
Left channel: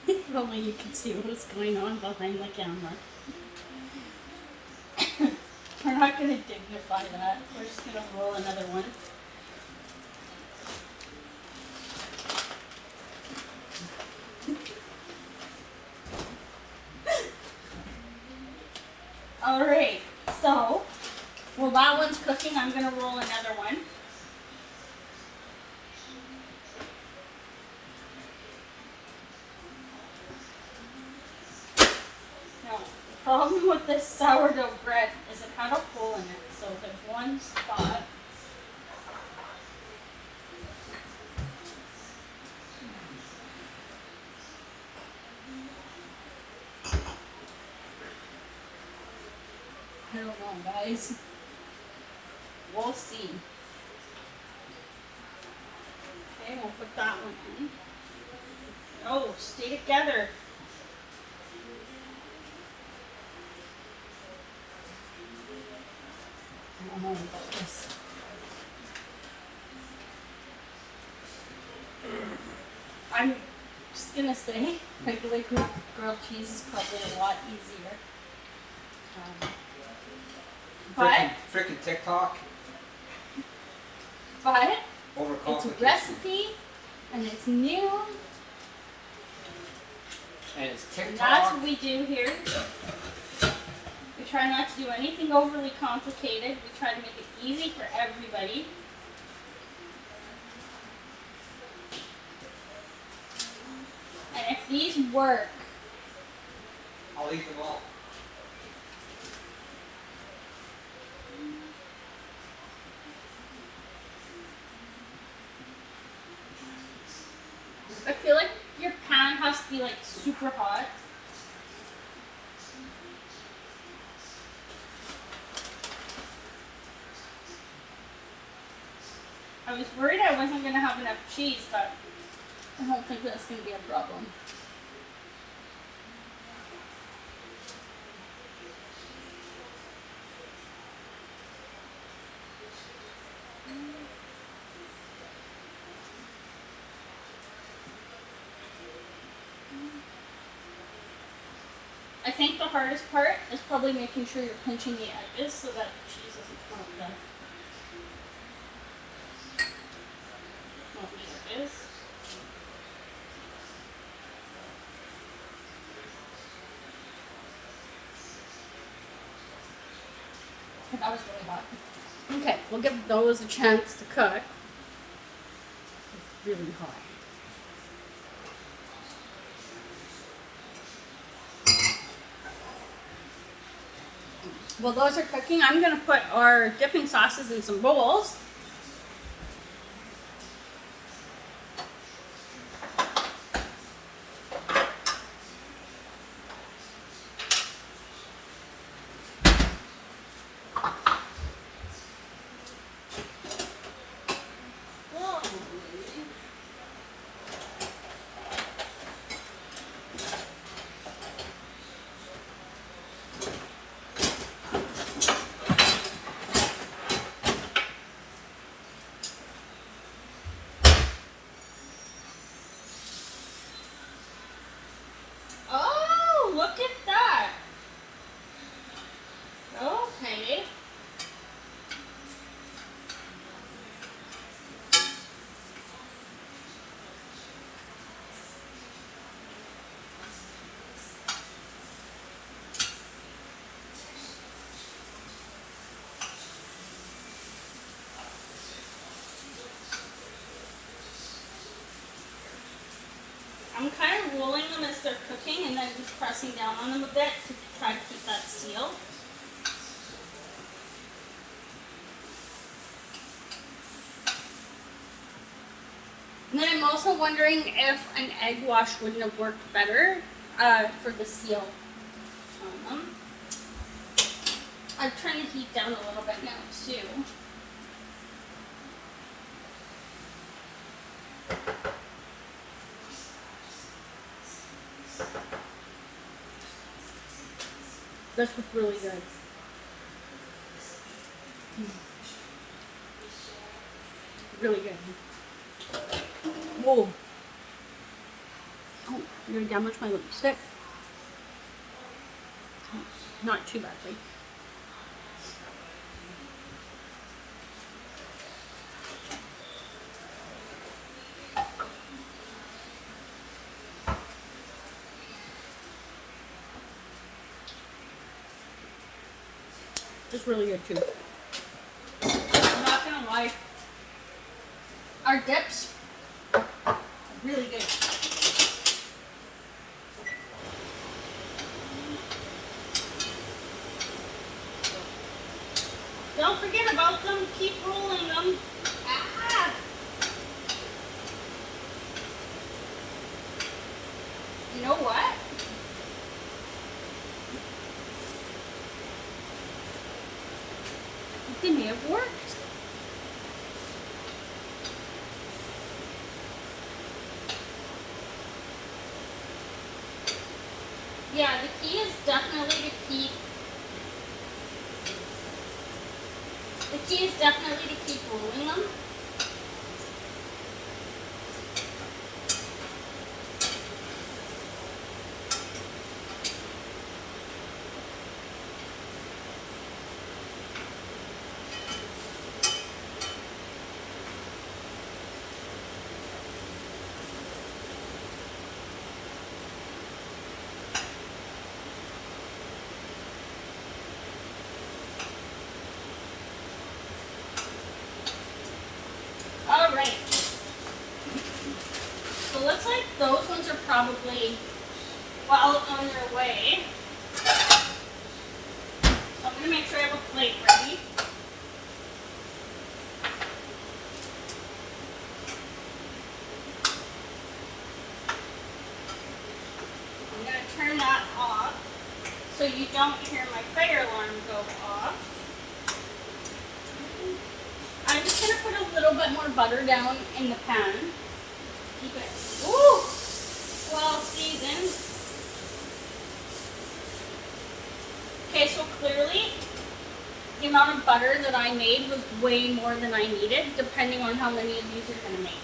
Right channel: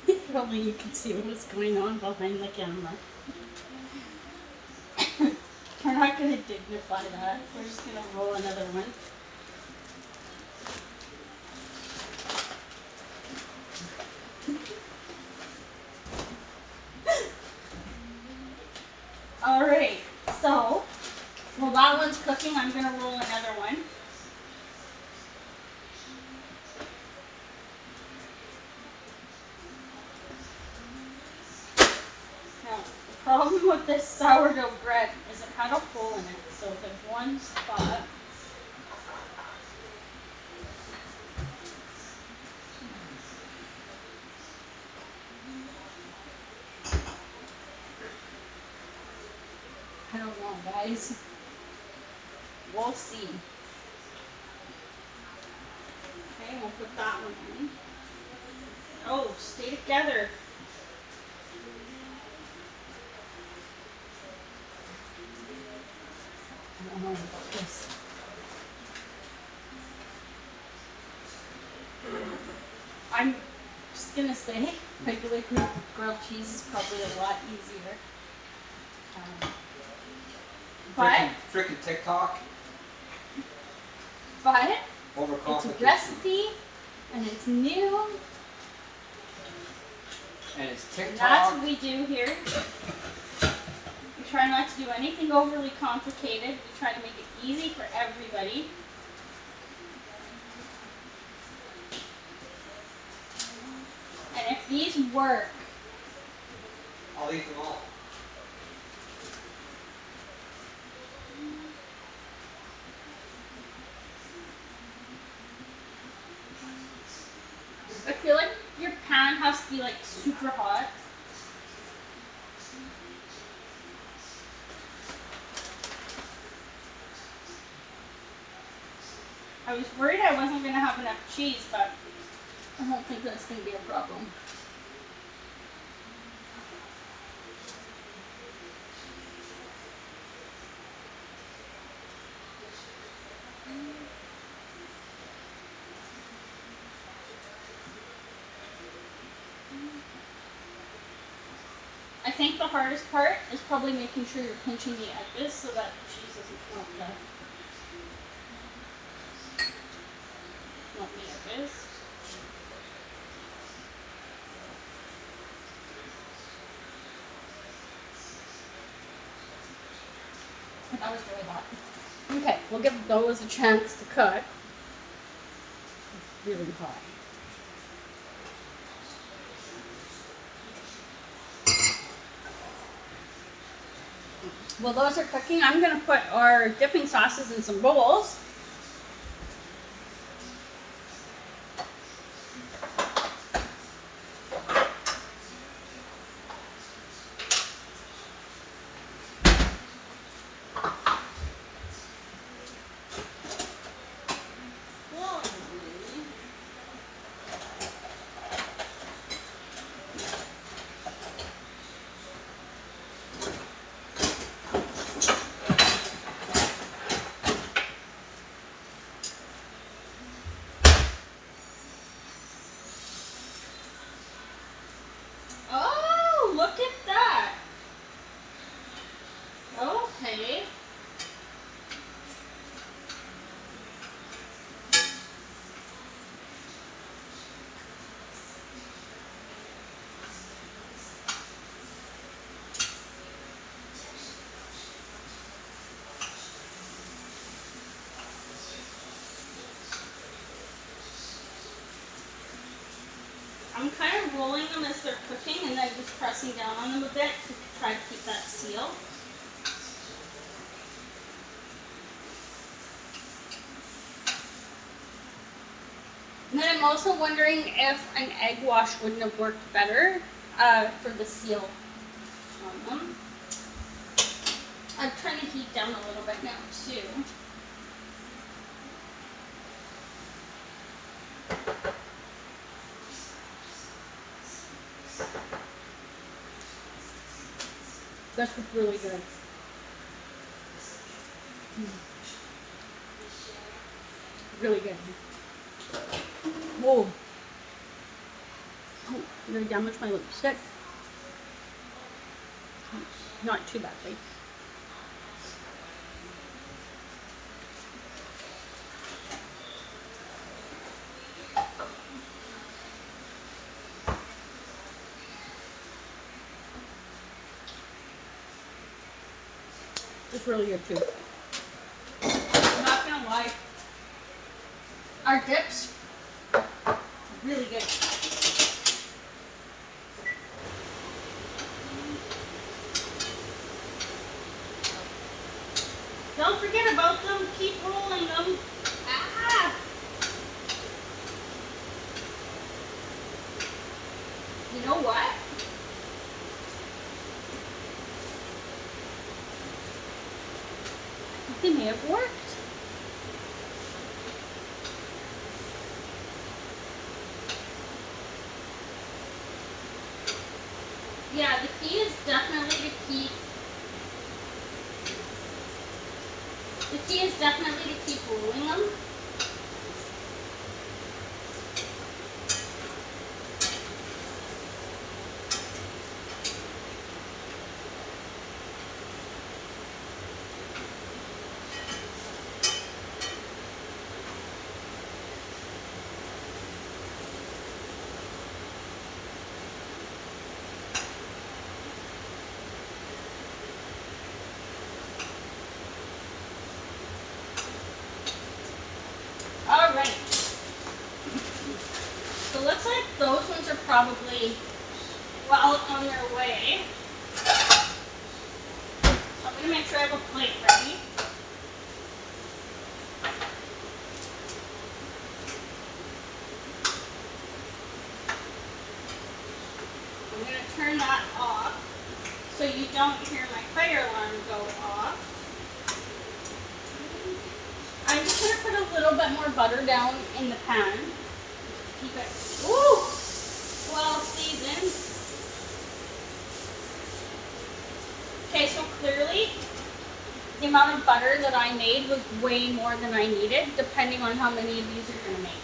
if only you could see what's going on behind the camera. We're not going to dignify that. We're just going to roll another one. Alright, so while that one's cooking, I'm going to roll another one. Now, the problem with this sourdough bread is it had a hole in it, so there's one spot. I don't know, guys. We'll see. Okay, we'll put that one in. Oh, stay together. I don't know about this. I'm just gonna say regular grilled cheese is probably a lot easier. But Frickin' TikTok. But it's a Overcomplicated. recipe and it's new. And it's And TikTok. that's what we do here. We try not to do anything overly complicated. We try to make it easy for everybody. And if these work, I'll eat them all. I feel like your pan has to be like super hot. I was worried I wasn't going to have enough cheese, but I don't think that's going to be a problem. I think the hardest part is probably making sure you're pinching the edges so that the cheese doesn't come up there. Not the edges. That was really hot. Okay, we'll give those a chance to cook. It's really hot. While those are cooking, I'm going to put our dipping sauces in some bowls. Oh, look at that. Okay. I'm kind of rolling them as they're cooking and then just pressing down on them a bit to try to keep that sealed. And then I'm also wondering if an egg wash wouldn't have worked better for the seal on them. I'm trying to heat down a little bit now too. This was really good. Really good. Whoa. Oh, I'm gonna damage my lipstick. Not too badly. It's really good too. I'm not gonna lie. Our dips are really good. Don't forget about them. Keep rolling them. Ah! You know what? They may have worked. Yeah, the key is definitely to keep rolling them. Alright. So it looks like those ones are probably well on their way. I'm going to make sure I have a plate ready. so you don't hear my fire alarm go off. I'm just going to put a little bit more butter down in the pan. Keep it, woo, well seasoned. Okay, so clearly the amount of butter that I made was way more than I needed, depending on how many of these you're going to make.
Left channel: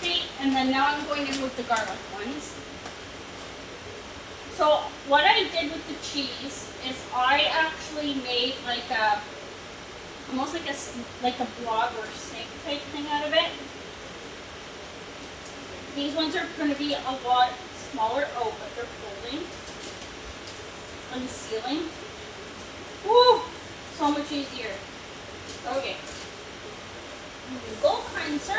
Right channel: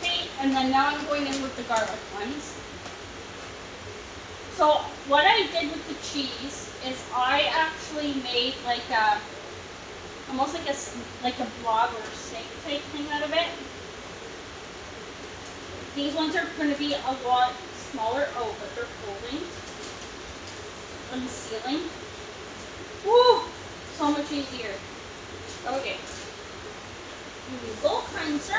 Okay, and then now I'm going in with the garlic ones. So what I did with the cheese is I actually made like a, almost like a blob or snake type thing out of it. These ones are going to be a lot smaller. Oh, but they're folding and sealing. Woo! So much easier. Okay. Here we go, cleanser.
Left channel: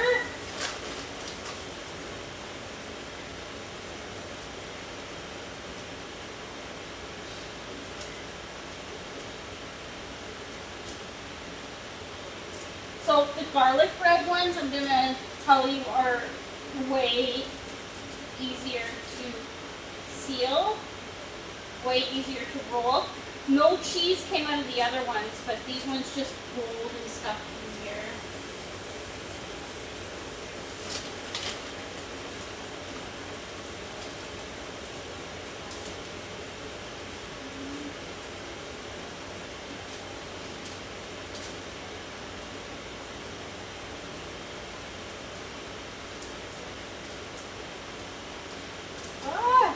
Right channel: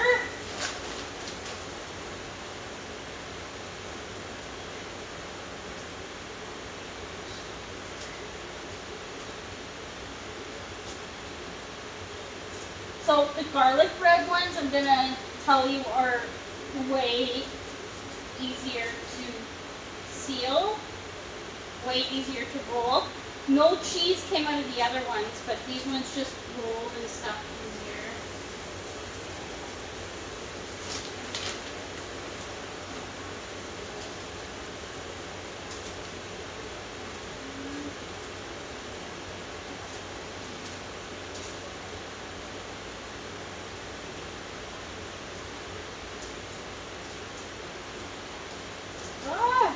So the garlic bread ones, I'm gonna tell you, are way easier to seal, way easier to roll. No cheese came out of the other ones, but these ones just rolled and stuff in here. Ah!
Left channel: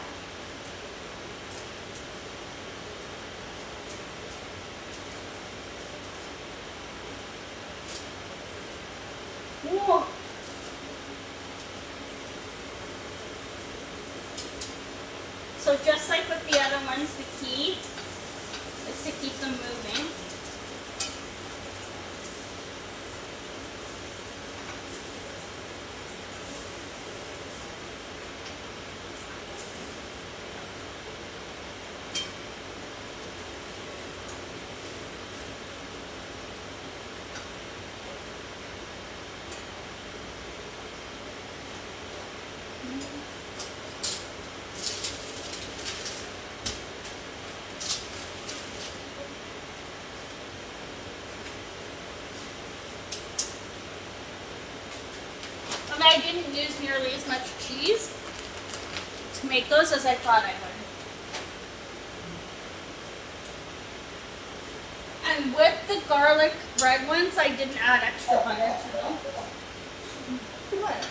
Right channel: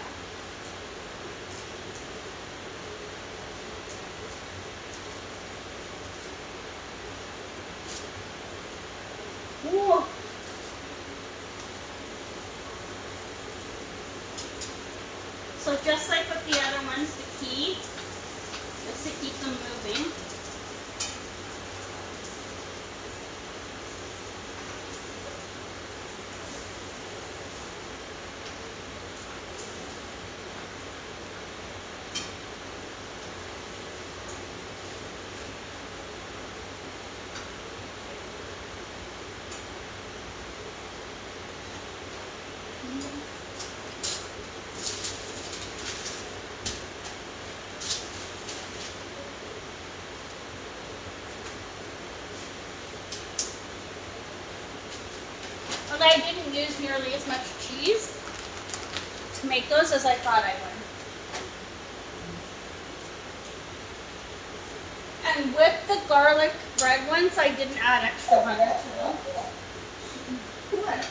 Whoa. So just like with the other ones, the key is to keep them moving. I didn't use nearly as much cheese to make those as I thought I would. And with the garlic bread ones, I didn't add extra butter to them. What?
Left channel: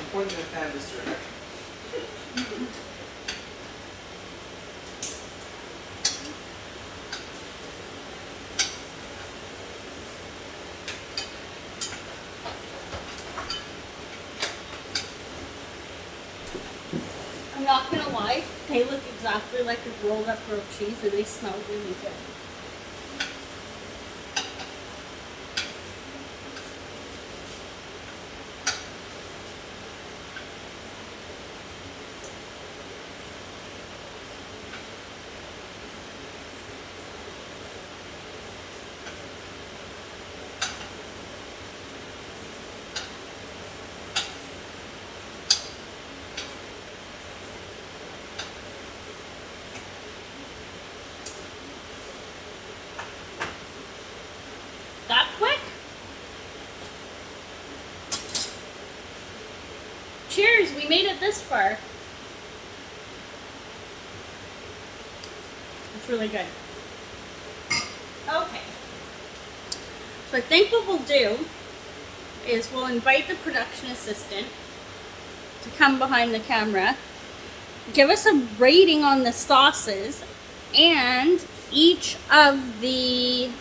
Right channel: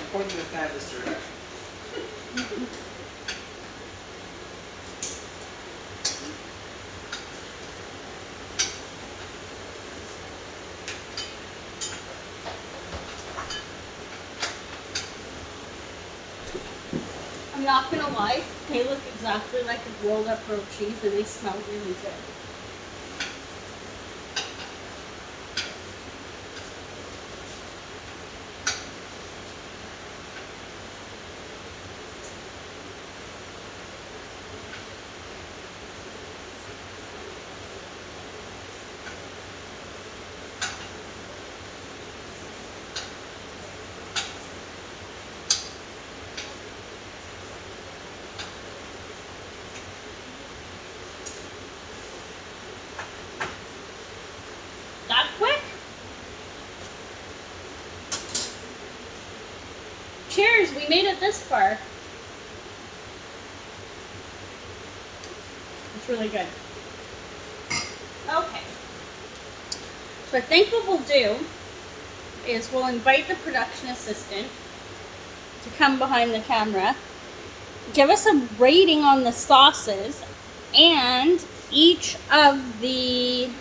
I'm pointing the fan this direction. I'm not gonna lie, they look exactly like a rolled up grilled cheese and they smell really good. That quick? Cheers, we made it this far. It's really good. Okay. So I think what we'll do is we'll invite the production assistant to come behind the camera, give us a rating on the sauces and each of the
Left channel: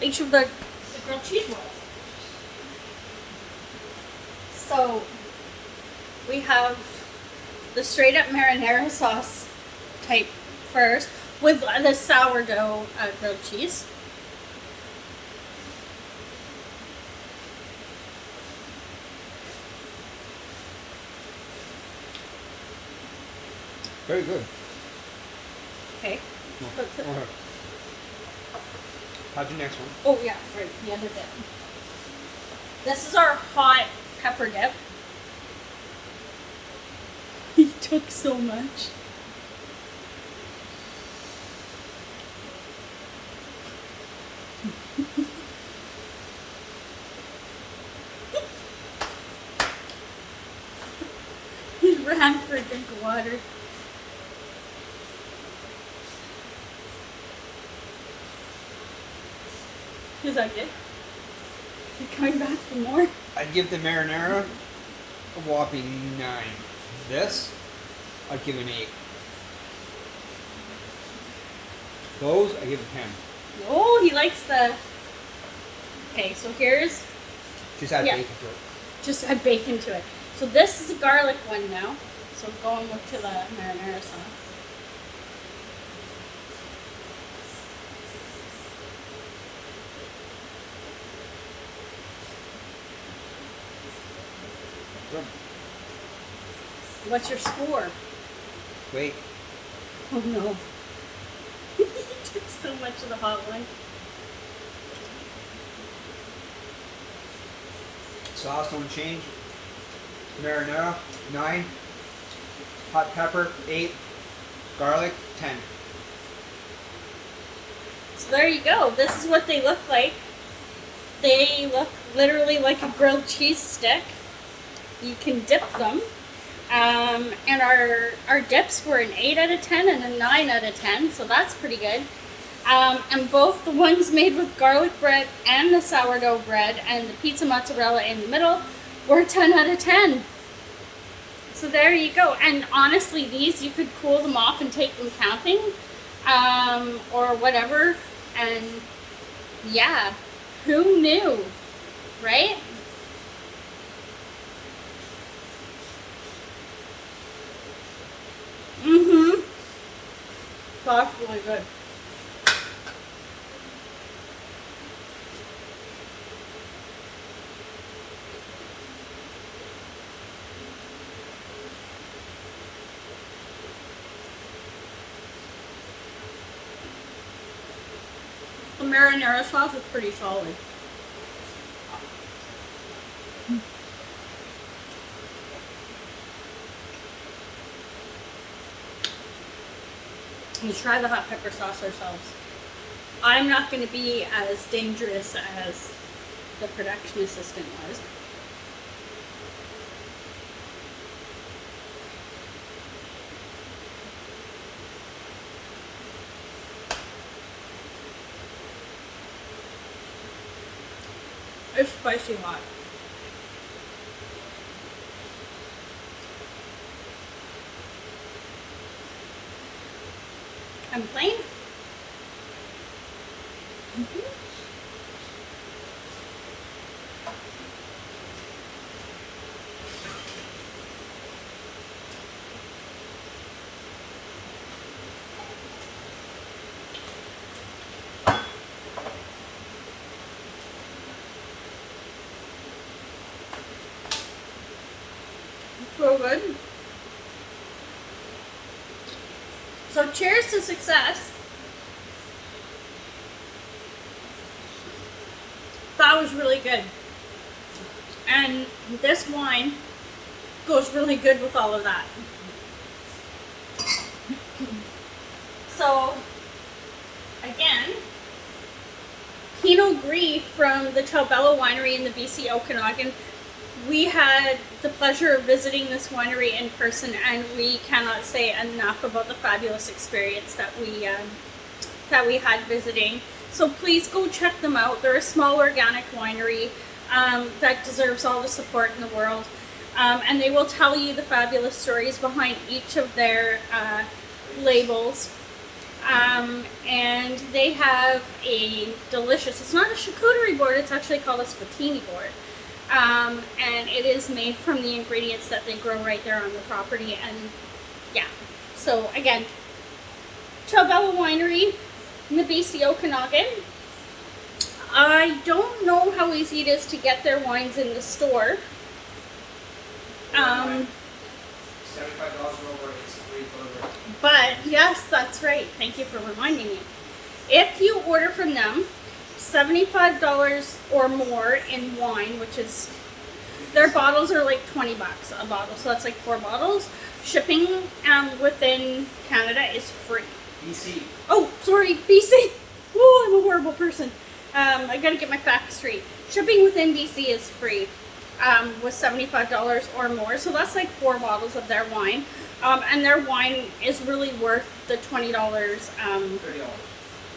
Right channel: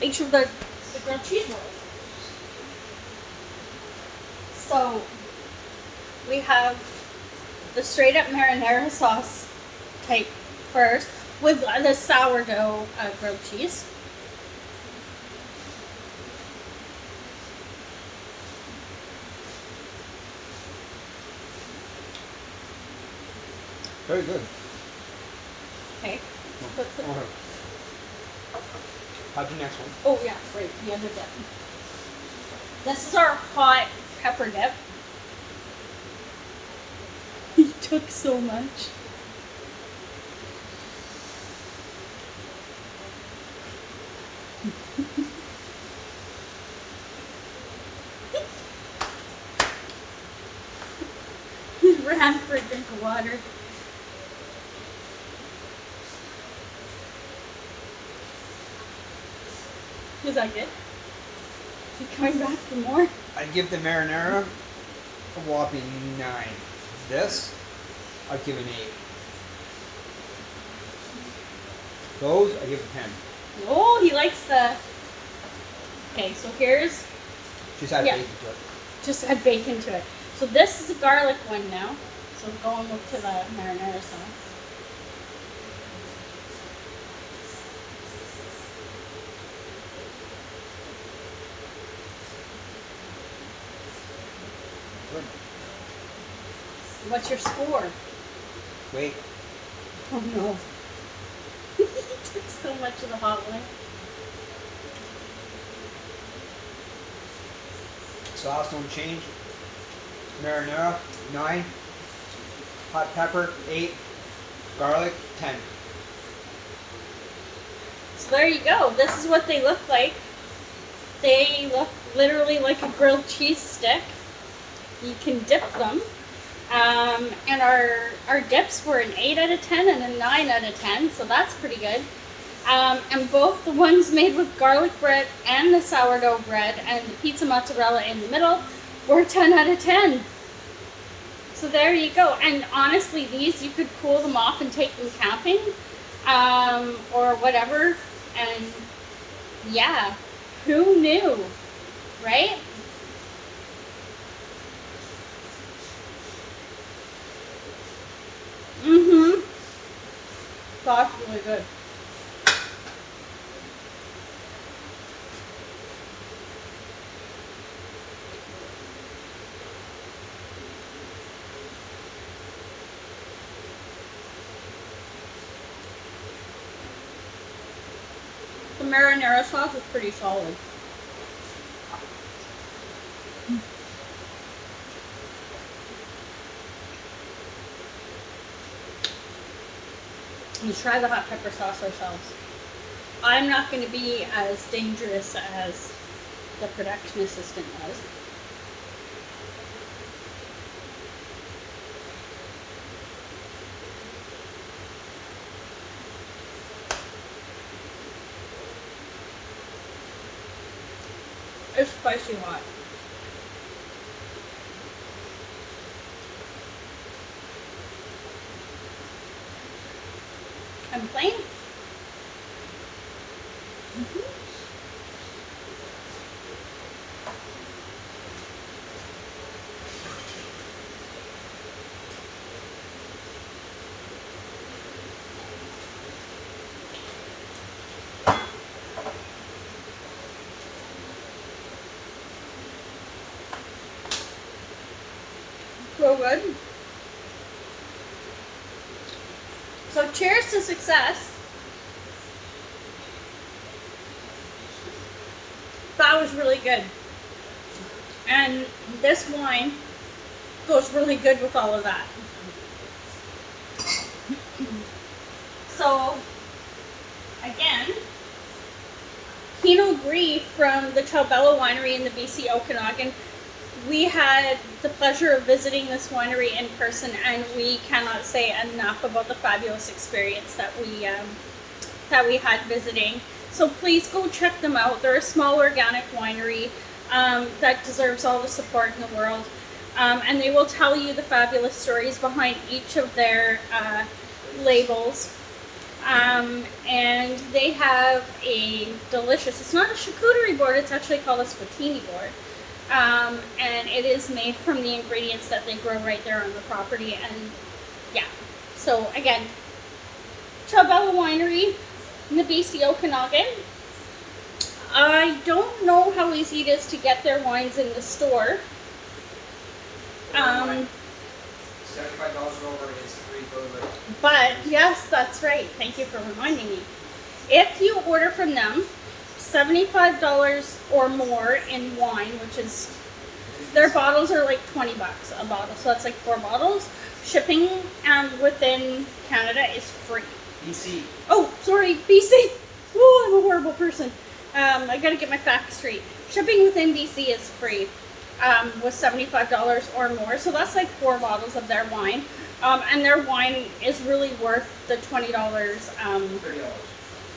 grilled cheese rolls. So we have the straight up marinara sauce type first with the sourdough grilled cheese. Very good. Okay. How'd your next one? Oh yeah, right, the other dip. This is our hot pepper dip. He took so much. ran for a drink of water. Is that good? You coming back for more? I'd give the marinara a whopping 9. This, I'd give an 8. Those, I give a 10. Oh, he likes the... Okay, so here's... Just add Yeah. bacon to it. Just add bacon to it. So this is a garlic one now. So go and look to the marinara sauce. Good. What's your score? Wait. Oh no. He took so much of the hot one. Sauce don't change. Marinara, 9. Hot pepper, 8. Garlic, 10. So there you go. This is what they look like. They look literally like a grilled cheese stick. You can dip them. And our dips were an 8 out of 10 and a 9 out of 10, so that's pretty good. And both the ones made with garlic bread and the sourdough bread and the pizza mozzarella in the middle were 10 out of 10. So there you go. And honestly, these you could cool them off and take them camping or whatever. And yeah, who knew, right? Mm-hmm. That's really good. The marinara sauce is pretty solid. Let's try the hot pepper sauce ourselves. I'm not going to be as dangerous as the production assistant was. It's spicy hot. And plain. So good. So cheers to success. That was really good. And this wine goes really good with all of that. So, again, Pinot Gris from the Tobello Winery in the BC Okanagan. We had the pleasure of visiting this winery in person, and we cannot say enough about the fabulous experience that we had visiting. So please go check them out. They're a small organic winery that deserves all the support in the world, and they will tell you the fabulous stories behind each of their labels. And they have a delicious, it's not a charcuterie board, it's actually called a spatini board. And it is made from the ingredients that they grow right there on the property. And yeah, so again, Tobello Winery in the BC Okanagan. I don't know how easy it is to get their wines in the store. $75 over is free delivery. But yes, that's right. Thank you for reminding me. If you order from them, $75 or more in wine, which is, their bottles are like 20 bucks a bottle, so that's like 4 bottles. Shipping within Canada is free. BC. Oh, sorry, BC. Oh, I'm a horrible person. I gotta get my facts straight. Shipping within BC is free. was $75 or more. So that's like 4 bottles of their wine. And their wine is really worth the $20 $30.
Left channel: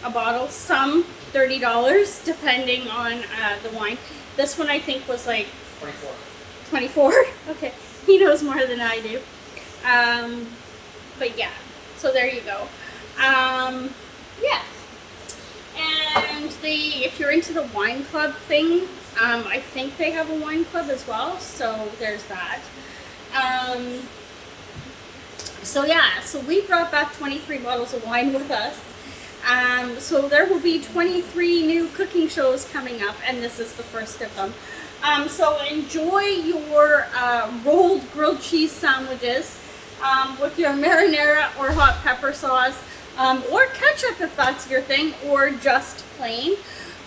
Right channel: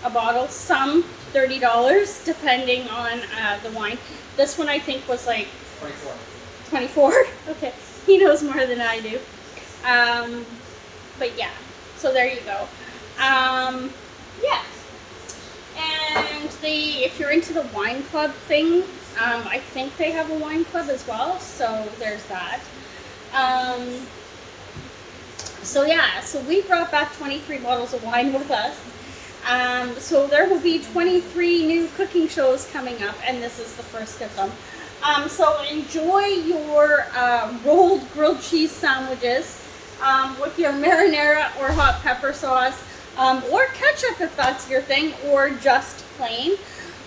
a bottle. Some $30 depending on the wine. This one I think was like 24. 24. Okay, he knows more than I do. But yeah, so there you go. Yeah. And if you're into the wine club thing, I think they have a wine club as well, so there's that. So yeah, so we brought back 23 bottles of wine with us. So there will be 23 new cooking shows coming up, and this is the first of them. So enjoy your rolled grilled cheese sandwiches with your marinara or hot pepper sauce, or ketchup if that's your thing, or just plain.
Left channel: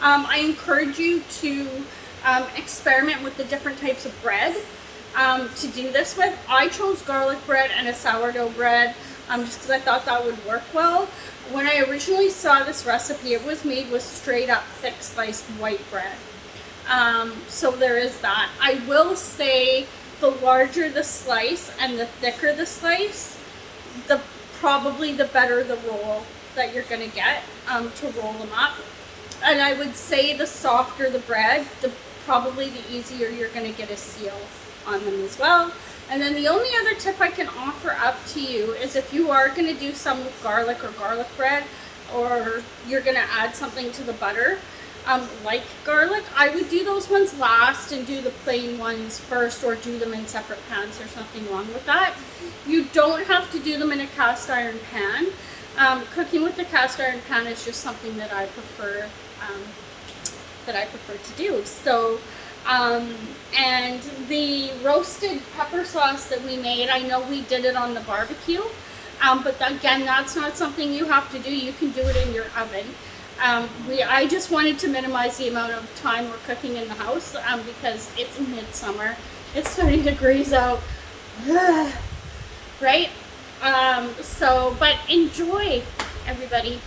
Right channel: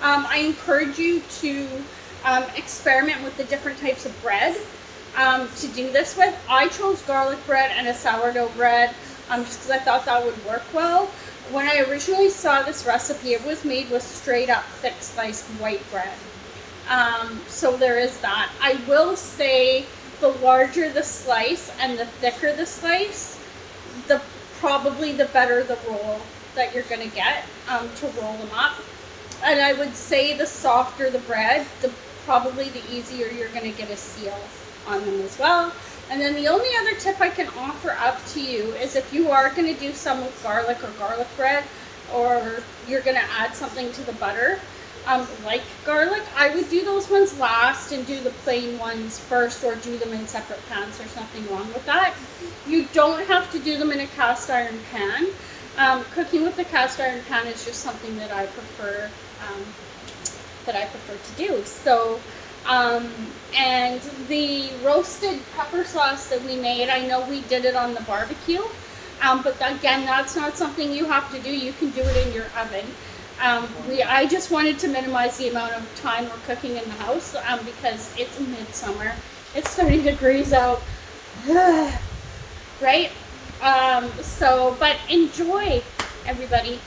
I encourage you to experiment with the different types of bread to do this with. I chose garlic bread and a sourdough bread just because I thought that would work well. When I originally saw this recipe, it was made with straight up thick sliced white bread. So there is that. I will say the larger the slice and the thicker the slice, probably the better the roll that you're going to get to roll them up. And I would say the softer the bread, probably the easier you're going to get a seal on them as well. And then the only other tip I can offer up to you is if you are going to do some with garlic or garlic bread, or you're going to add something to the butter, like garlic, I would do those ones last and do the plain ones first, or do them in separate pans. There's nothing wrong with that. You don't have to do them in a cast iron pan. Cooking with the cast iron pan is just something that I prefer to do. So, and the roasted pepper sauce that we made, I know we did it on the barbecue, but again, that's not something you have to do. You can do it in your oven. I just wanted to minimize the amount of time we're cooking in the house because it's midsummer. It's 30 degrees out. Right? But enjoy, everybody.